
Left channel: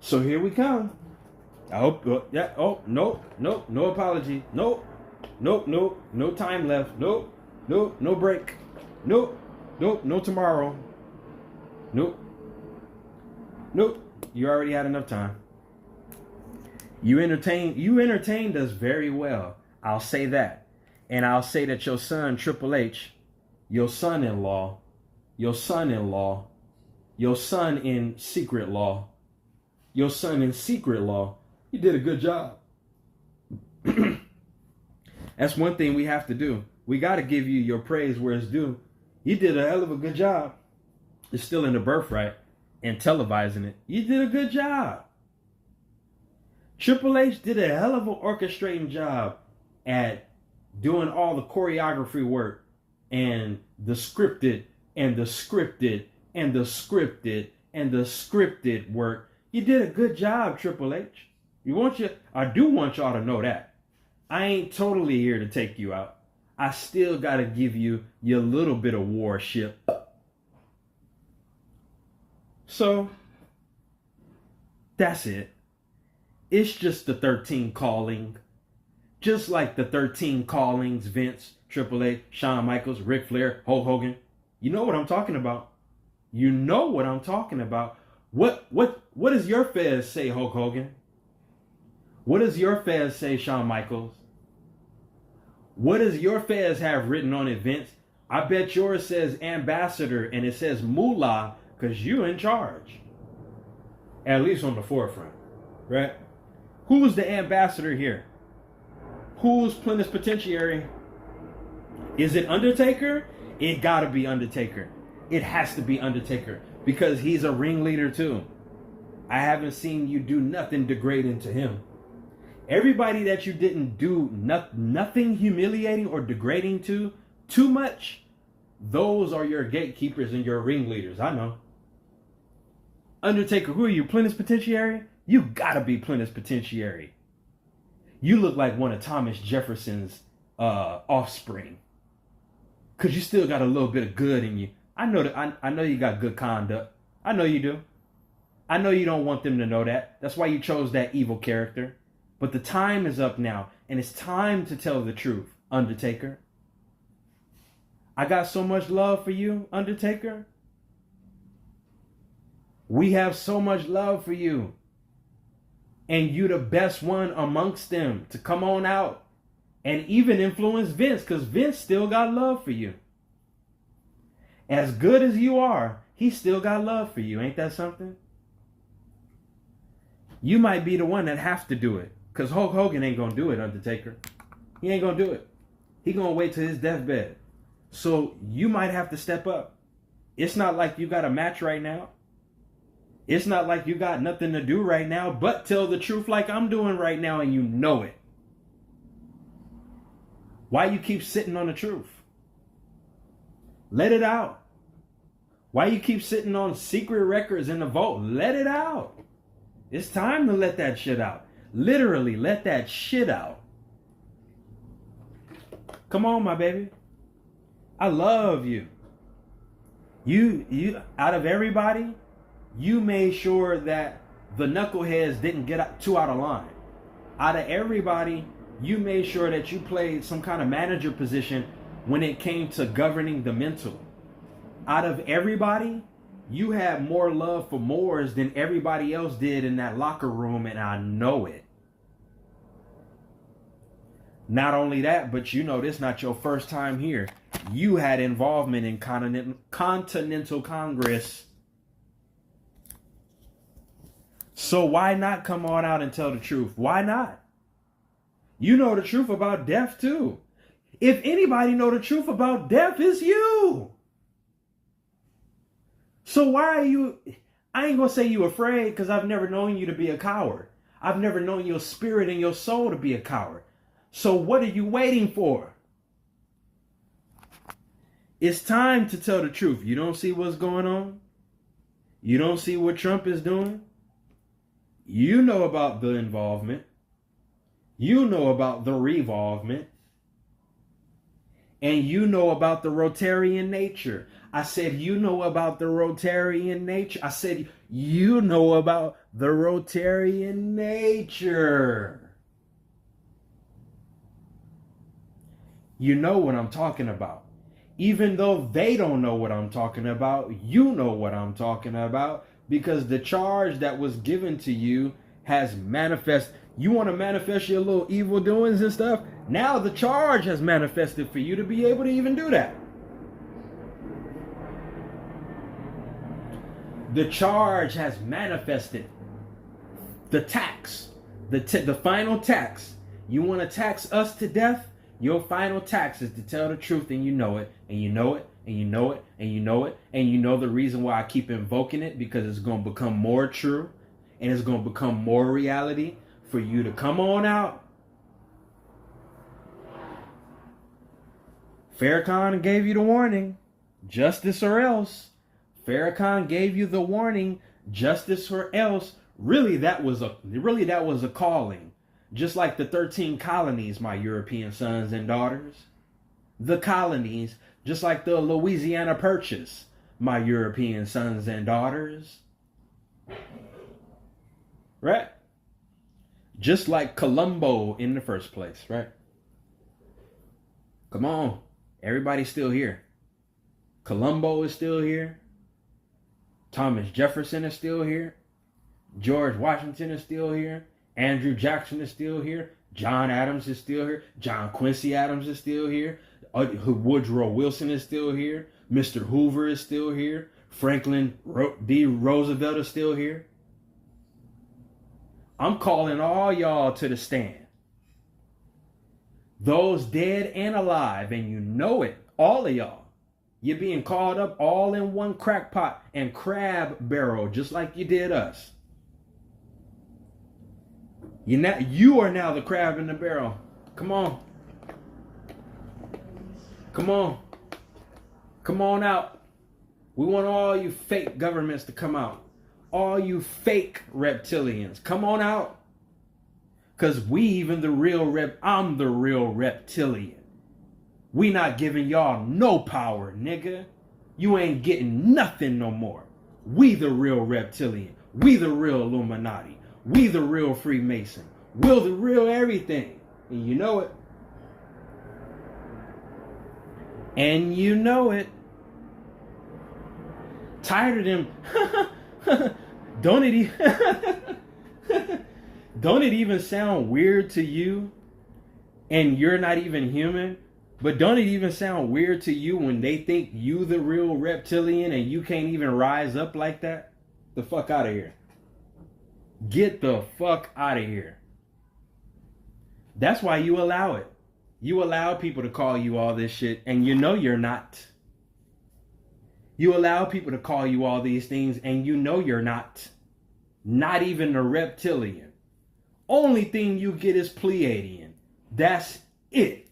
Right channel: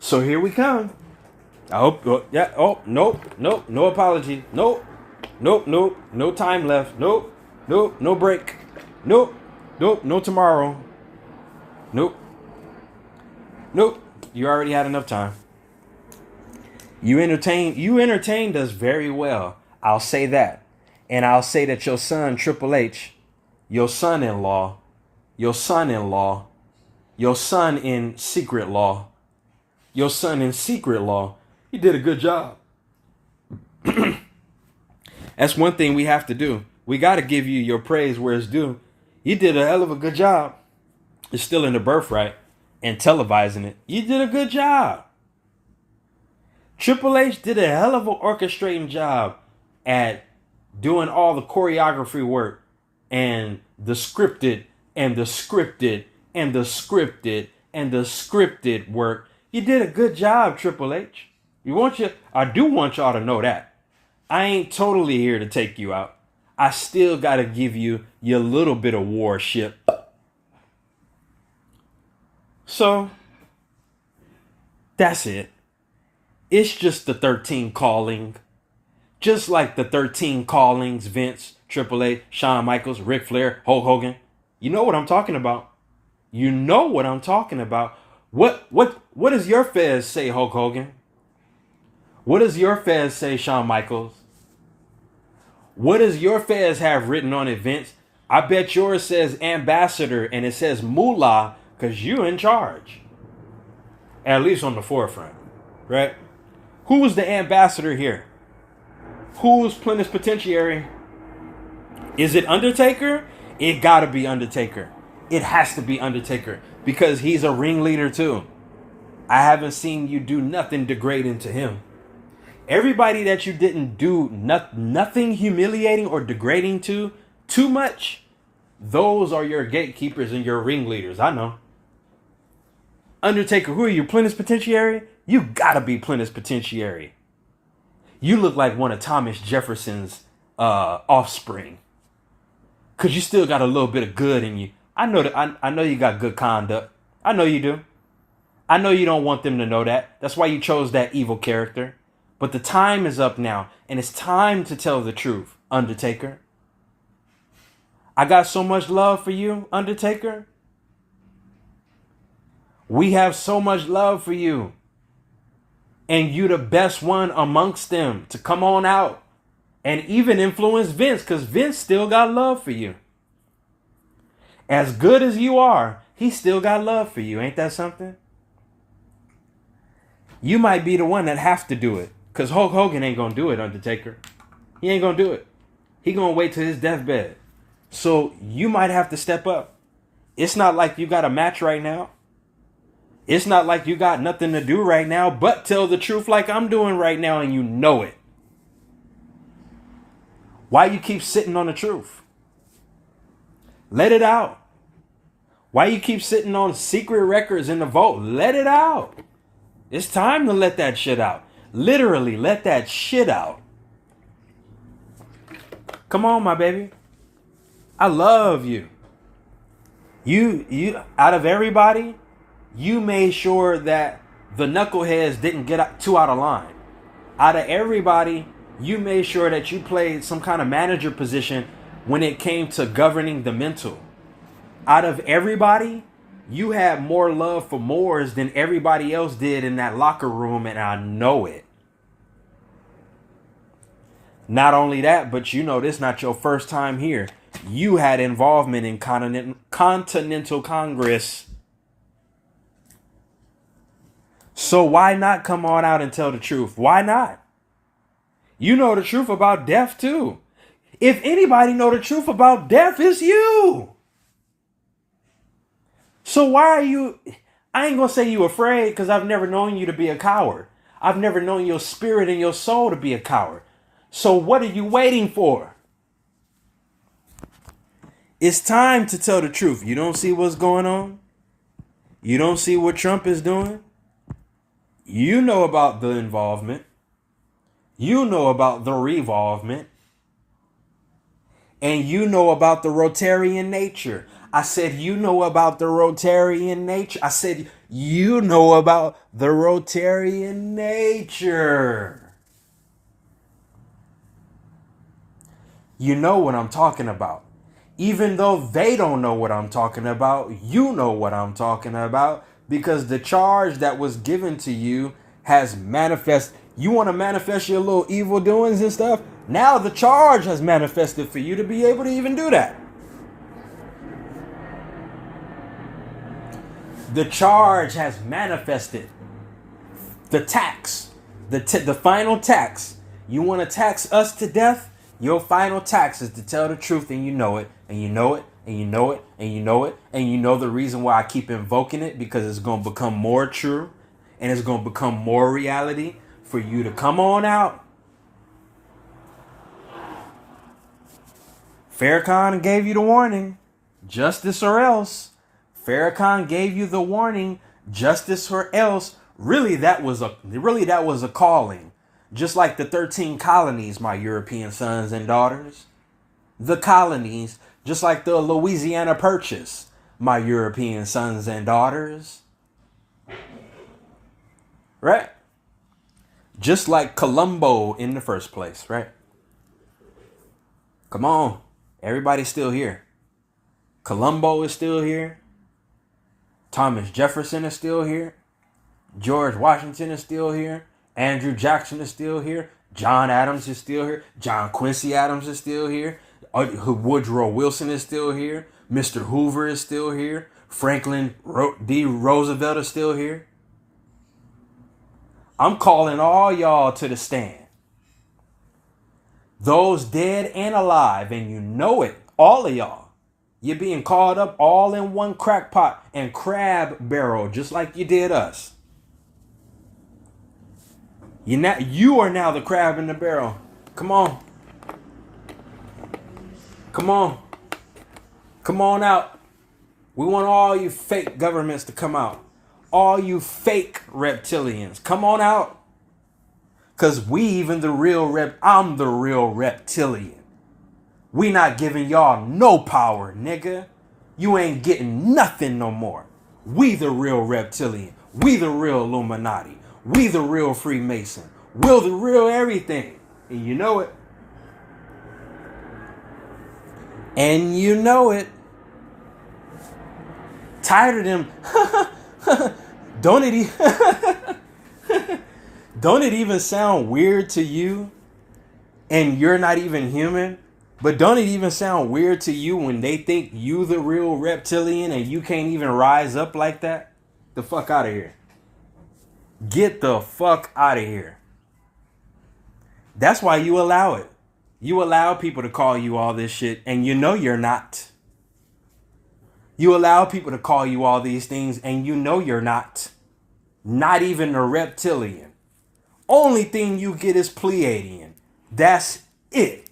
So here we come. I hope, nope, no apology. Nope, no time left. Nope, no break. Nope, no tomorrow. Nope, you already had enough time. You entertained us very well. I'll say that. And I'll say that your son, Triple H, your son-in-law, your son in secret law, he did a good job. That's one thing we have to do. We got to give you your praise where it's due. You did a hell of a good job. It's still in the birthright and televising it. You did a good job. Triple H did a hell of an orchestrating job at doing all the choreography work and the scripted work. You did a good job, Triple H. I do want y'all to know that. I ain't totally here to take you out. I still got to give you your little bit of warship. So that's it. It's just the 13 calling. Just like the 13 callings, Vince, Triple H, Shawn Michaels, Ric Flair, Hulk Hogan. You know what I'm talking about. You know what I'm talking about. What does your fez say, Hulk Hogan? What does your fez say, Shawn Michaels? What does your fez have written on it, Vince? I bet yours says ambassador and it says moolah because you're in charge. At least on the forefront, right? Who was the ambassador here? Who's plenipotentiary? Is it Undertaker? It gotta be Undertaker. It has to be Undertaker because he's a ringleader too. I haven't seen you do nothing degrading to him. Everybody that you didn't do nothing humiliating or degrading to too much, those are your gatekeepers and your ringleaders. I know. Undertaker, who are you, plenipotentiary? You gotta be plenipotentiary. You look like one of Thomas Jefferson's offspring. Cause you still got a little bit of good in you. I know that. I know you got good conduct. I know you do. I know you don't want them to know that. That's why you chose that evil character. But the time is up now, and it's time to tell the truth, Undertaker. I got so much love for you, Undertaker. We have so much love for you. And you the best one amongst them to come on out and even influence Vince, because Vince still got love for you. As good as you are, he still got love for you. Ain't that something? You might be the one that have to do it. Because Hulk Hogan ain't going to do it, Undertaker. He ain't going to do it. He going to wait till his deathbed. So you might have to step up. It's not like you got a match right now. It's not like you got nothing to do right now, but tell the truth like I'm doing right now, and you know it. Why you keep sitting on the truth? Let it out. Why you keep sitting on secret records in the vault? Let it out. It's time to let that shit out. Literally, let that shit out. Come on, my baby. I love you. You out of everybody, you made sure that the knuckleheads didn't get too out of line. Out of everybody, you made sure that you played some kind of manager position when it came to governing the mental. Out of everybody, you had more love for Moors than everybody else did in that locker room, and I know it. Not only that, but you know this not your first time here. You had involvement in Continental Congress. So why not come on out and tell the truth? Why not? You know the truth about death too. If anybody know the truth about death, it's you. So why are you, I ain't gonna say you afraid, because I've never known you to be a coward. I've never known your spirit and your soul to be a coward. So what are you waiting for? It's time to tell the truth. You don't see what's going on? You don't see what Trump is doing? You know about the involvement. You know about the revolvement. And you know about the Rotarian nature. I said, you know about the Rotarian nature. I said, you know about the Rotarian nature. You know what I'm talking about. Even though they don't know what I'm talking about, you know what I'm talking about, because the charge that was given to you has manifest. You want to manifest your little evil doings and stuff? Now the charge has manifested for you to be able to even do that. The charge has manifested. The tax, the final tax. You want to tax us to death? Your final tax is to tell the truth, and you know it, and you know it, and you know it, and you know it, and you know the reason why I keep invoking it, because it's going to become more true, and it's going to become more reality for you to come on out. Farrakhan gave you the warning, justice or else. Farrakhan gave you the warning, justice or else. Really, that was a calling. Just like the 13 colonies, my European sons and daughters. the colonies, just like the Louisiana Purchase, my European sons and daughters. Right? Just like Colombo in the first place, right? Come on. Everybody's still here. Colombo is still here. Thomas Jefferson is still here. George Washington is still here. Andrew Jackson is still here. John Adams is still here. John Quincy Adams is still here. Woodrow Wilson is still here. Mr. Hoover is still here. Franklin D. Roosevelt is still here. I'm calling all y'all to the stand. Those dead and alive, and you know it, all of y'all. You're being caught up all in one crackpot and crab barrel, just like you did us. You are now the crab in the barrel. Come on. Come on. Come on out. We want all you fake governments to come out. All you fake reptilians, come on out. Because I'm the real reptilian. We not giving y'all no power, nigga. You ain't getting nothing no more. We the real reptilian. We the real Illuminati. We the real Freemason. We're the real everything. And you know it. And you know it. Tired of them. Don't it even sound weird to you? And you're not even human? But don't it even sound weird to you when they think you the real reptilian and you can't even rise up like that? The fuck out of here. Get the fuck out of here. That's why you allow it. You allow people to call you all this shit and you know you're not. You allow people to call you all these things and you know you're not. Not even a reptilian. Only thing you get is Pleiadian. That's it.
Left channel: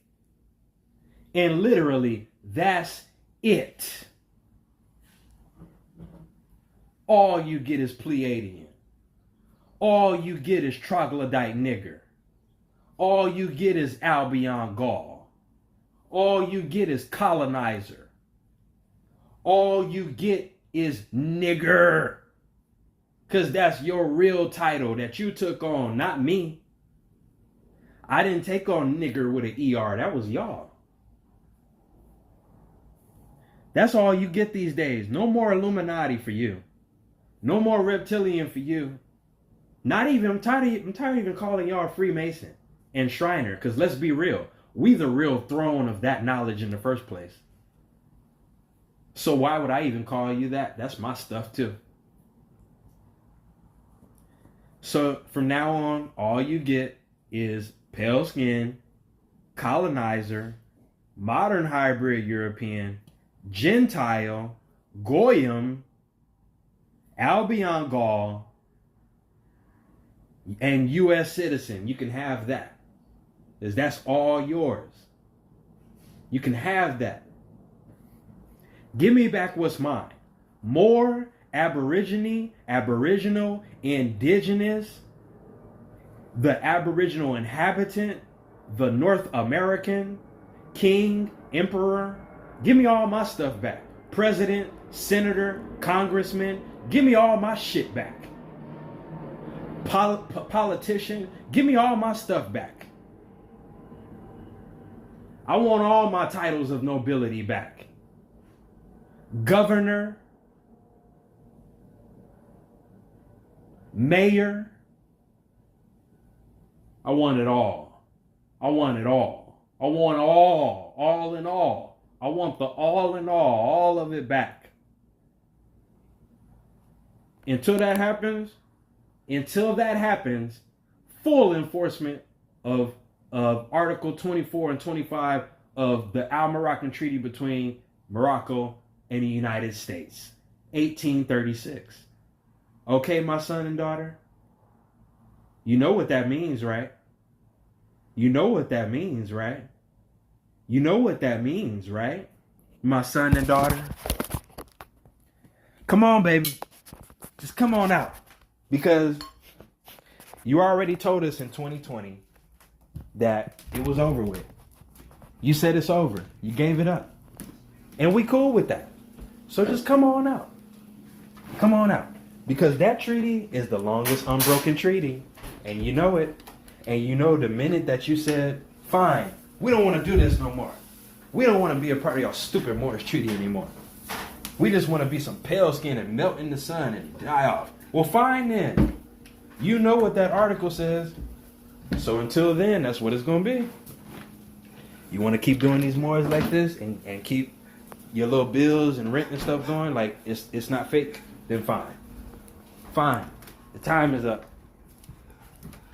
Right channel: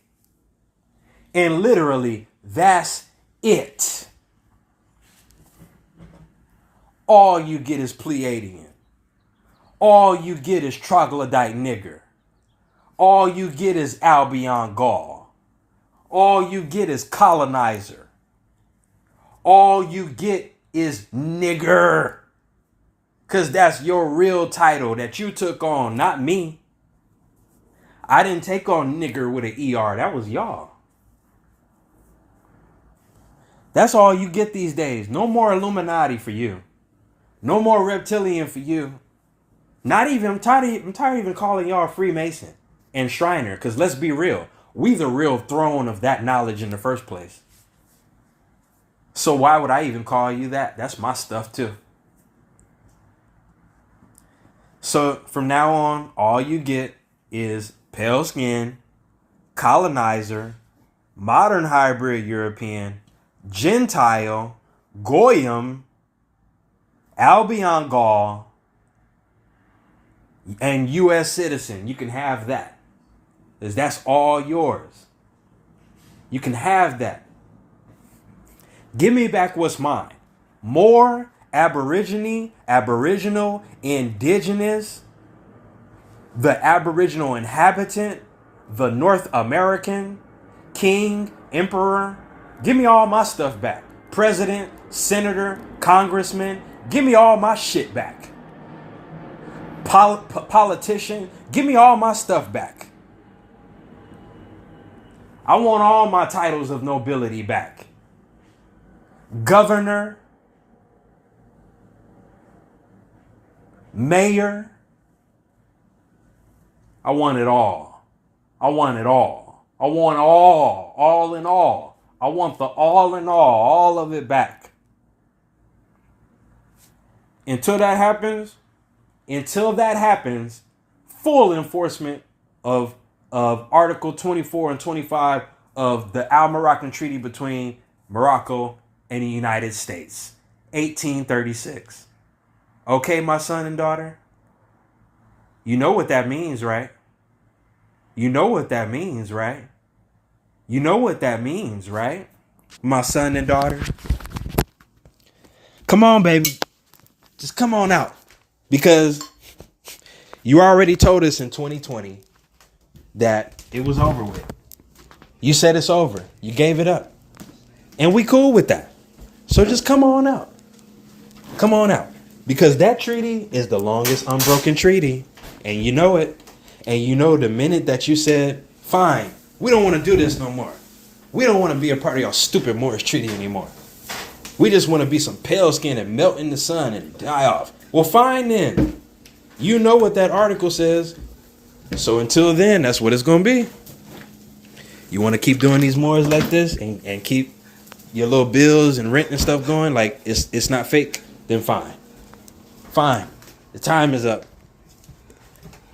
And literally, that's it. All you get is Pleiadian. All you get is troglodyte nigger. All you get is Albion Gaul. All you get is colonizer. All you get is nigger. Because that's your real title that you took on, not me. I didn't take on nigger with an ER. That was y'all. That's all you get these days. No more Illuminati for you. No more reptilian for you. Not even, I'm tired of even calling y'all Freemason and Shriner. Because let's be real. We the real throne of that knowledge in the first place. So why would I even call you that? That's my stuff too. So from now on, all you get is pale skin, colonizer, modern hybrid European, Gentile, Goyim, Albion Gaul, and U.S. citizen. You can have that. Because that's all yours. You can have that. Give me back what's mine. More Aboriginal, indigenous, the Aboriginal inhabitant, the North American, king, emperor. Give me all my stuff back. President, senator, congressman. Give me all my shit back. Politician. Give me all my stuff back. I want all my titles of nobility back. Governor. Mayor. I want it all. I want it all. I want all in all. I want the all in all of it back. Until that happens, full enforcement of Article 24 and 25 of the Al-Moroccan Treaty between Morocco and the United States, 1836. Okay, my son and daughter? You know what that means, right? You know what that means, right? You know what that means, right? My son and daughter? Come on, baby. Just come on out. Because you already told us in 2020 that it was over with. You said it's over. You gave it up. And we cool with that. So just come on out. Come on out. Because that treaty is the longest unbroken treaty. And you know it. And you know the minute that you said, fine, we don't want to do this no more. We don't want to be a part of your stupid Morris Treaty anymore. We just want to be some pale skin and melt in the sun and die off. Well, fine then. You know what that article says. So until then, that's what it's going to be. You want to keep doing these mores like this and keep your little bills and rent and stuff going like it's not fake, then fine. Fine. The time is up.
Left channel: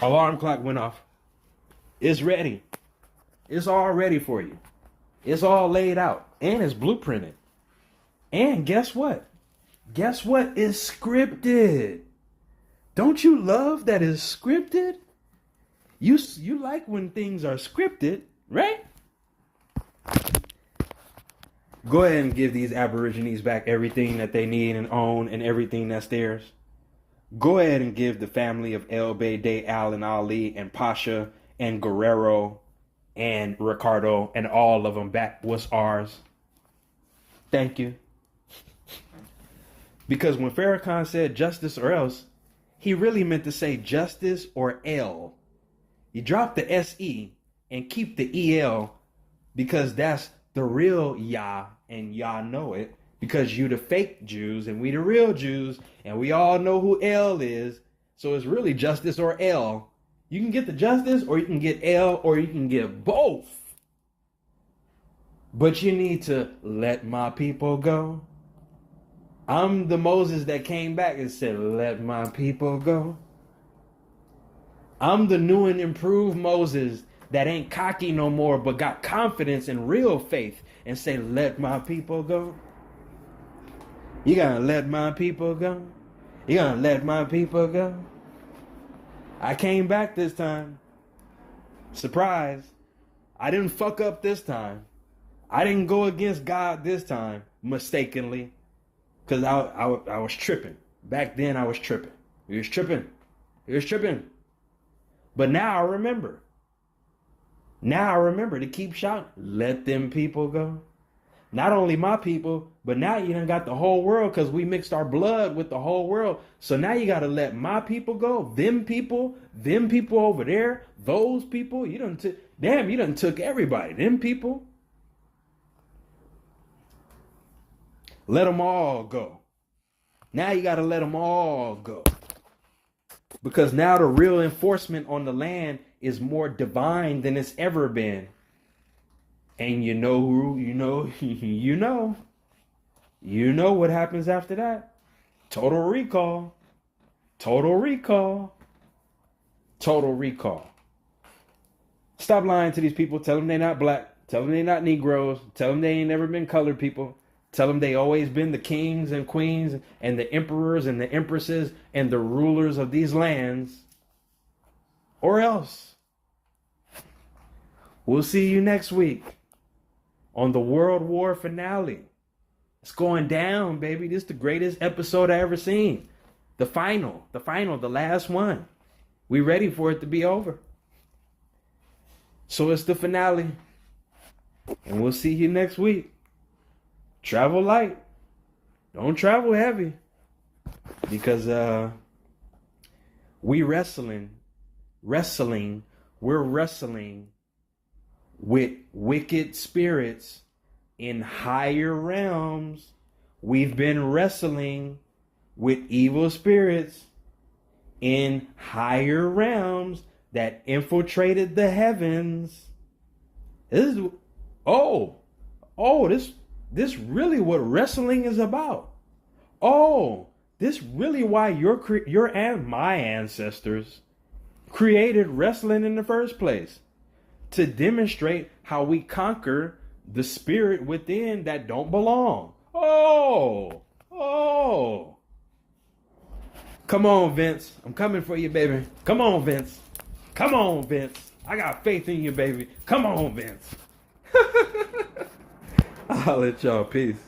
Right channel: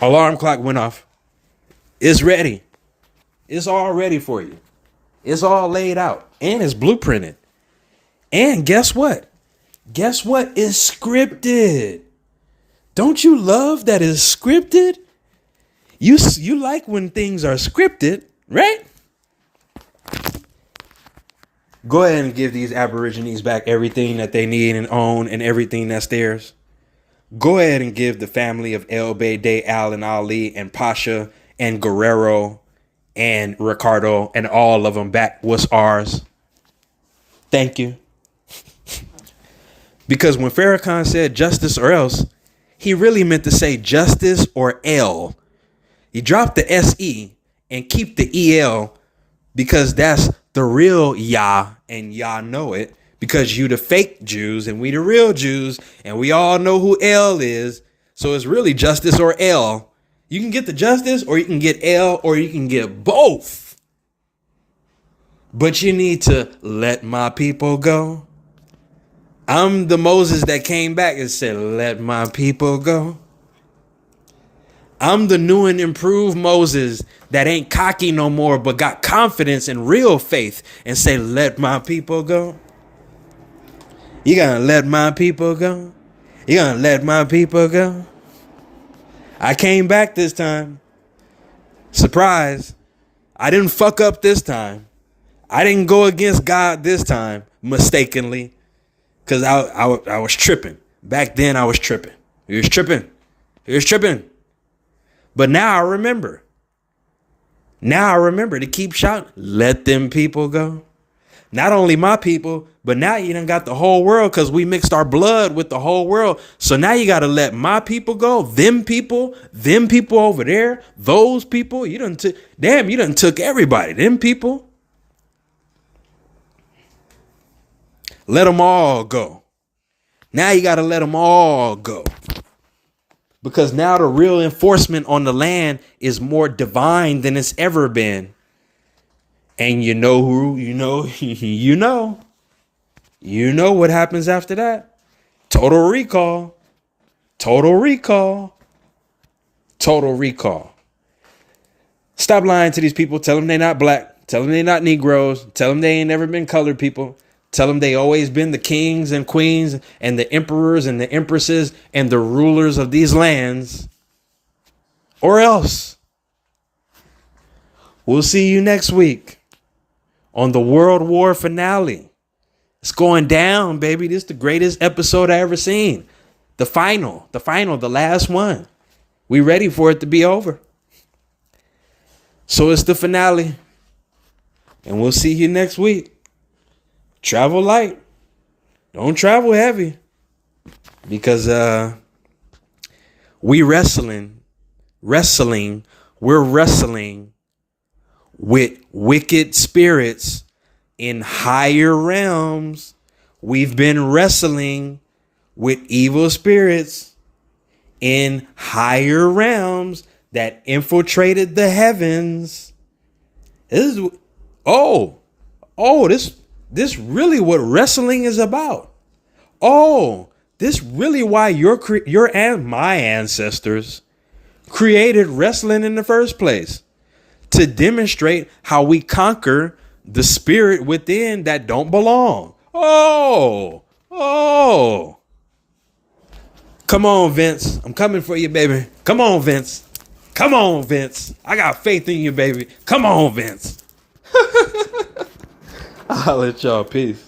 Alarm clock went off. It's ready. It's all ready for you. It's all laid out. And it's blueprinted. And guess what? Guess what? It's scripted. Don't you love that it's scripted? You like when things are scripted, right? Go ahead and give these Aborigines back everything that they need and own and everything that's theirs. Go ahead and give the family of El Bede, Al and Ali and Pasha and Guerrero and Ricardo and all of them back what's ours. Thank you. Because when Farrakhan said justice or else, he really meant to say justice or L. You drop the SE and keep the EL because that's the real Yah and Yah know it because you the fake Jews and we the real Jews and we all know who L is. So it's really justice or L. You can get the justice or you can get L or you can get both. But you need to let my people go. I'm the Moses that came back and said, let my people go. I'm the new and improved Moses that ain't cocky no more, but got confidence and real faith and say, let my people go. You gonna let my people go? You gonna let my people go? I came back this time. Surprise. I didn't fuck up this time. I didn't go against God this time mistakenly. Because I was tripping. Back then I was tripping. He was tripping. He was tripping. But now I remember. Now I remember to keep shouting, let them people go. Not only my people, but now you done got the whole world because we mixed our blood with the whole world. So now you got to let my people go. Them people over there, those people. You done took everybody. Them people. Let them all go. Now you got to let them all go. Because now the real enforcement on the land is more divine than it's ever been. And you know who, you know what happens after that. Total recall. Total recall. Total recall. Stop lying to these people. Tell them they're not black. Tell them they're not Negroes. Tell them they ain't never been colored people. Tell them they always been the kings and queens and the emperors and the empresses and the rulers of these lands. Or else. We'll see you next week on the World War finale. It's going down, baby. This is the greatest episode I ever seen. The final, the last one. We ready for it to be over. So it's the finale. And we'll see you next week. Travel light. Don't travel heavy. Because we're wrestling with wicked spirits in higher realms. We've been wrestling with evil spirits in higher realms that infiltrated the heavens. This really what wrestling is about. Oh, this really why your and my ancestors created wrestling in the first place. To demonstrate how we conquer the spirit within that don't belong. Oh. Come on, Vince. I'm coming for you, baby. Come on, Vince. Come on, Vince. I got faith in you, baby. Come on, Vince. I'll let y'all. Peace.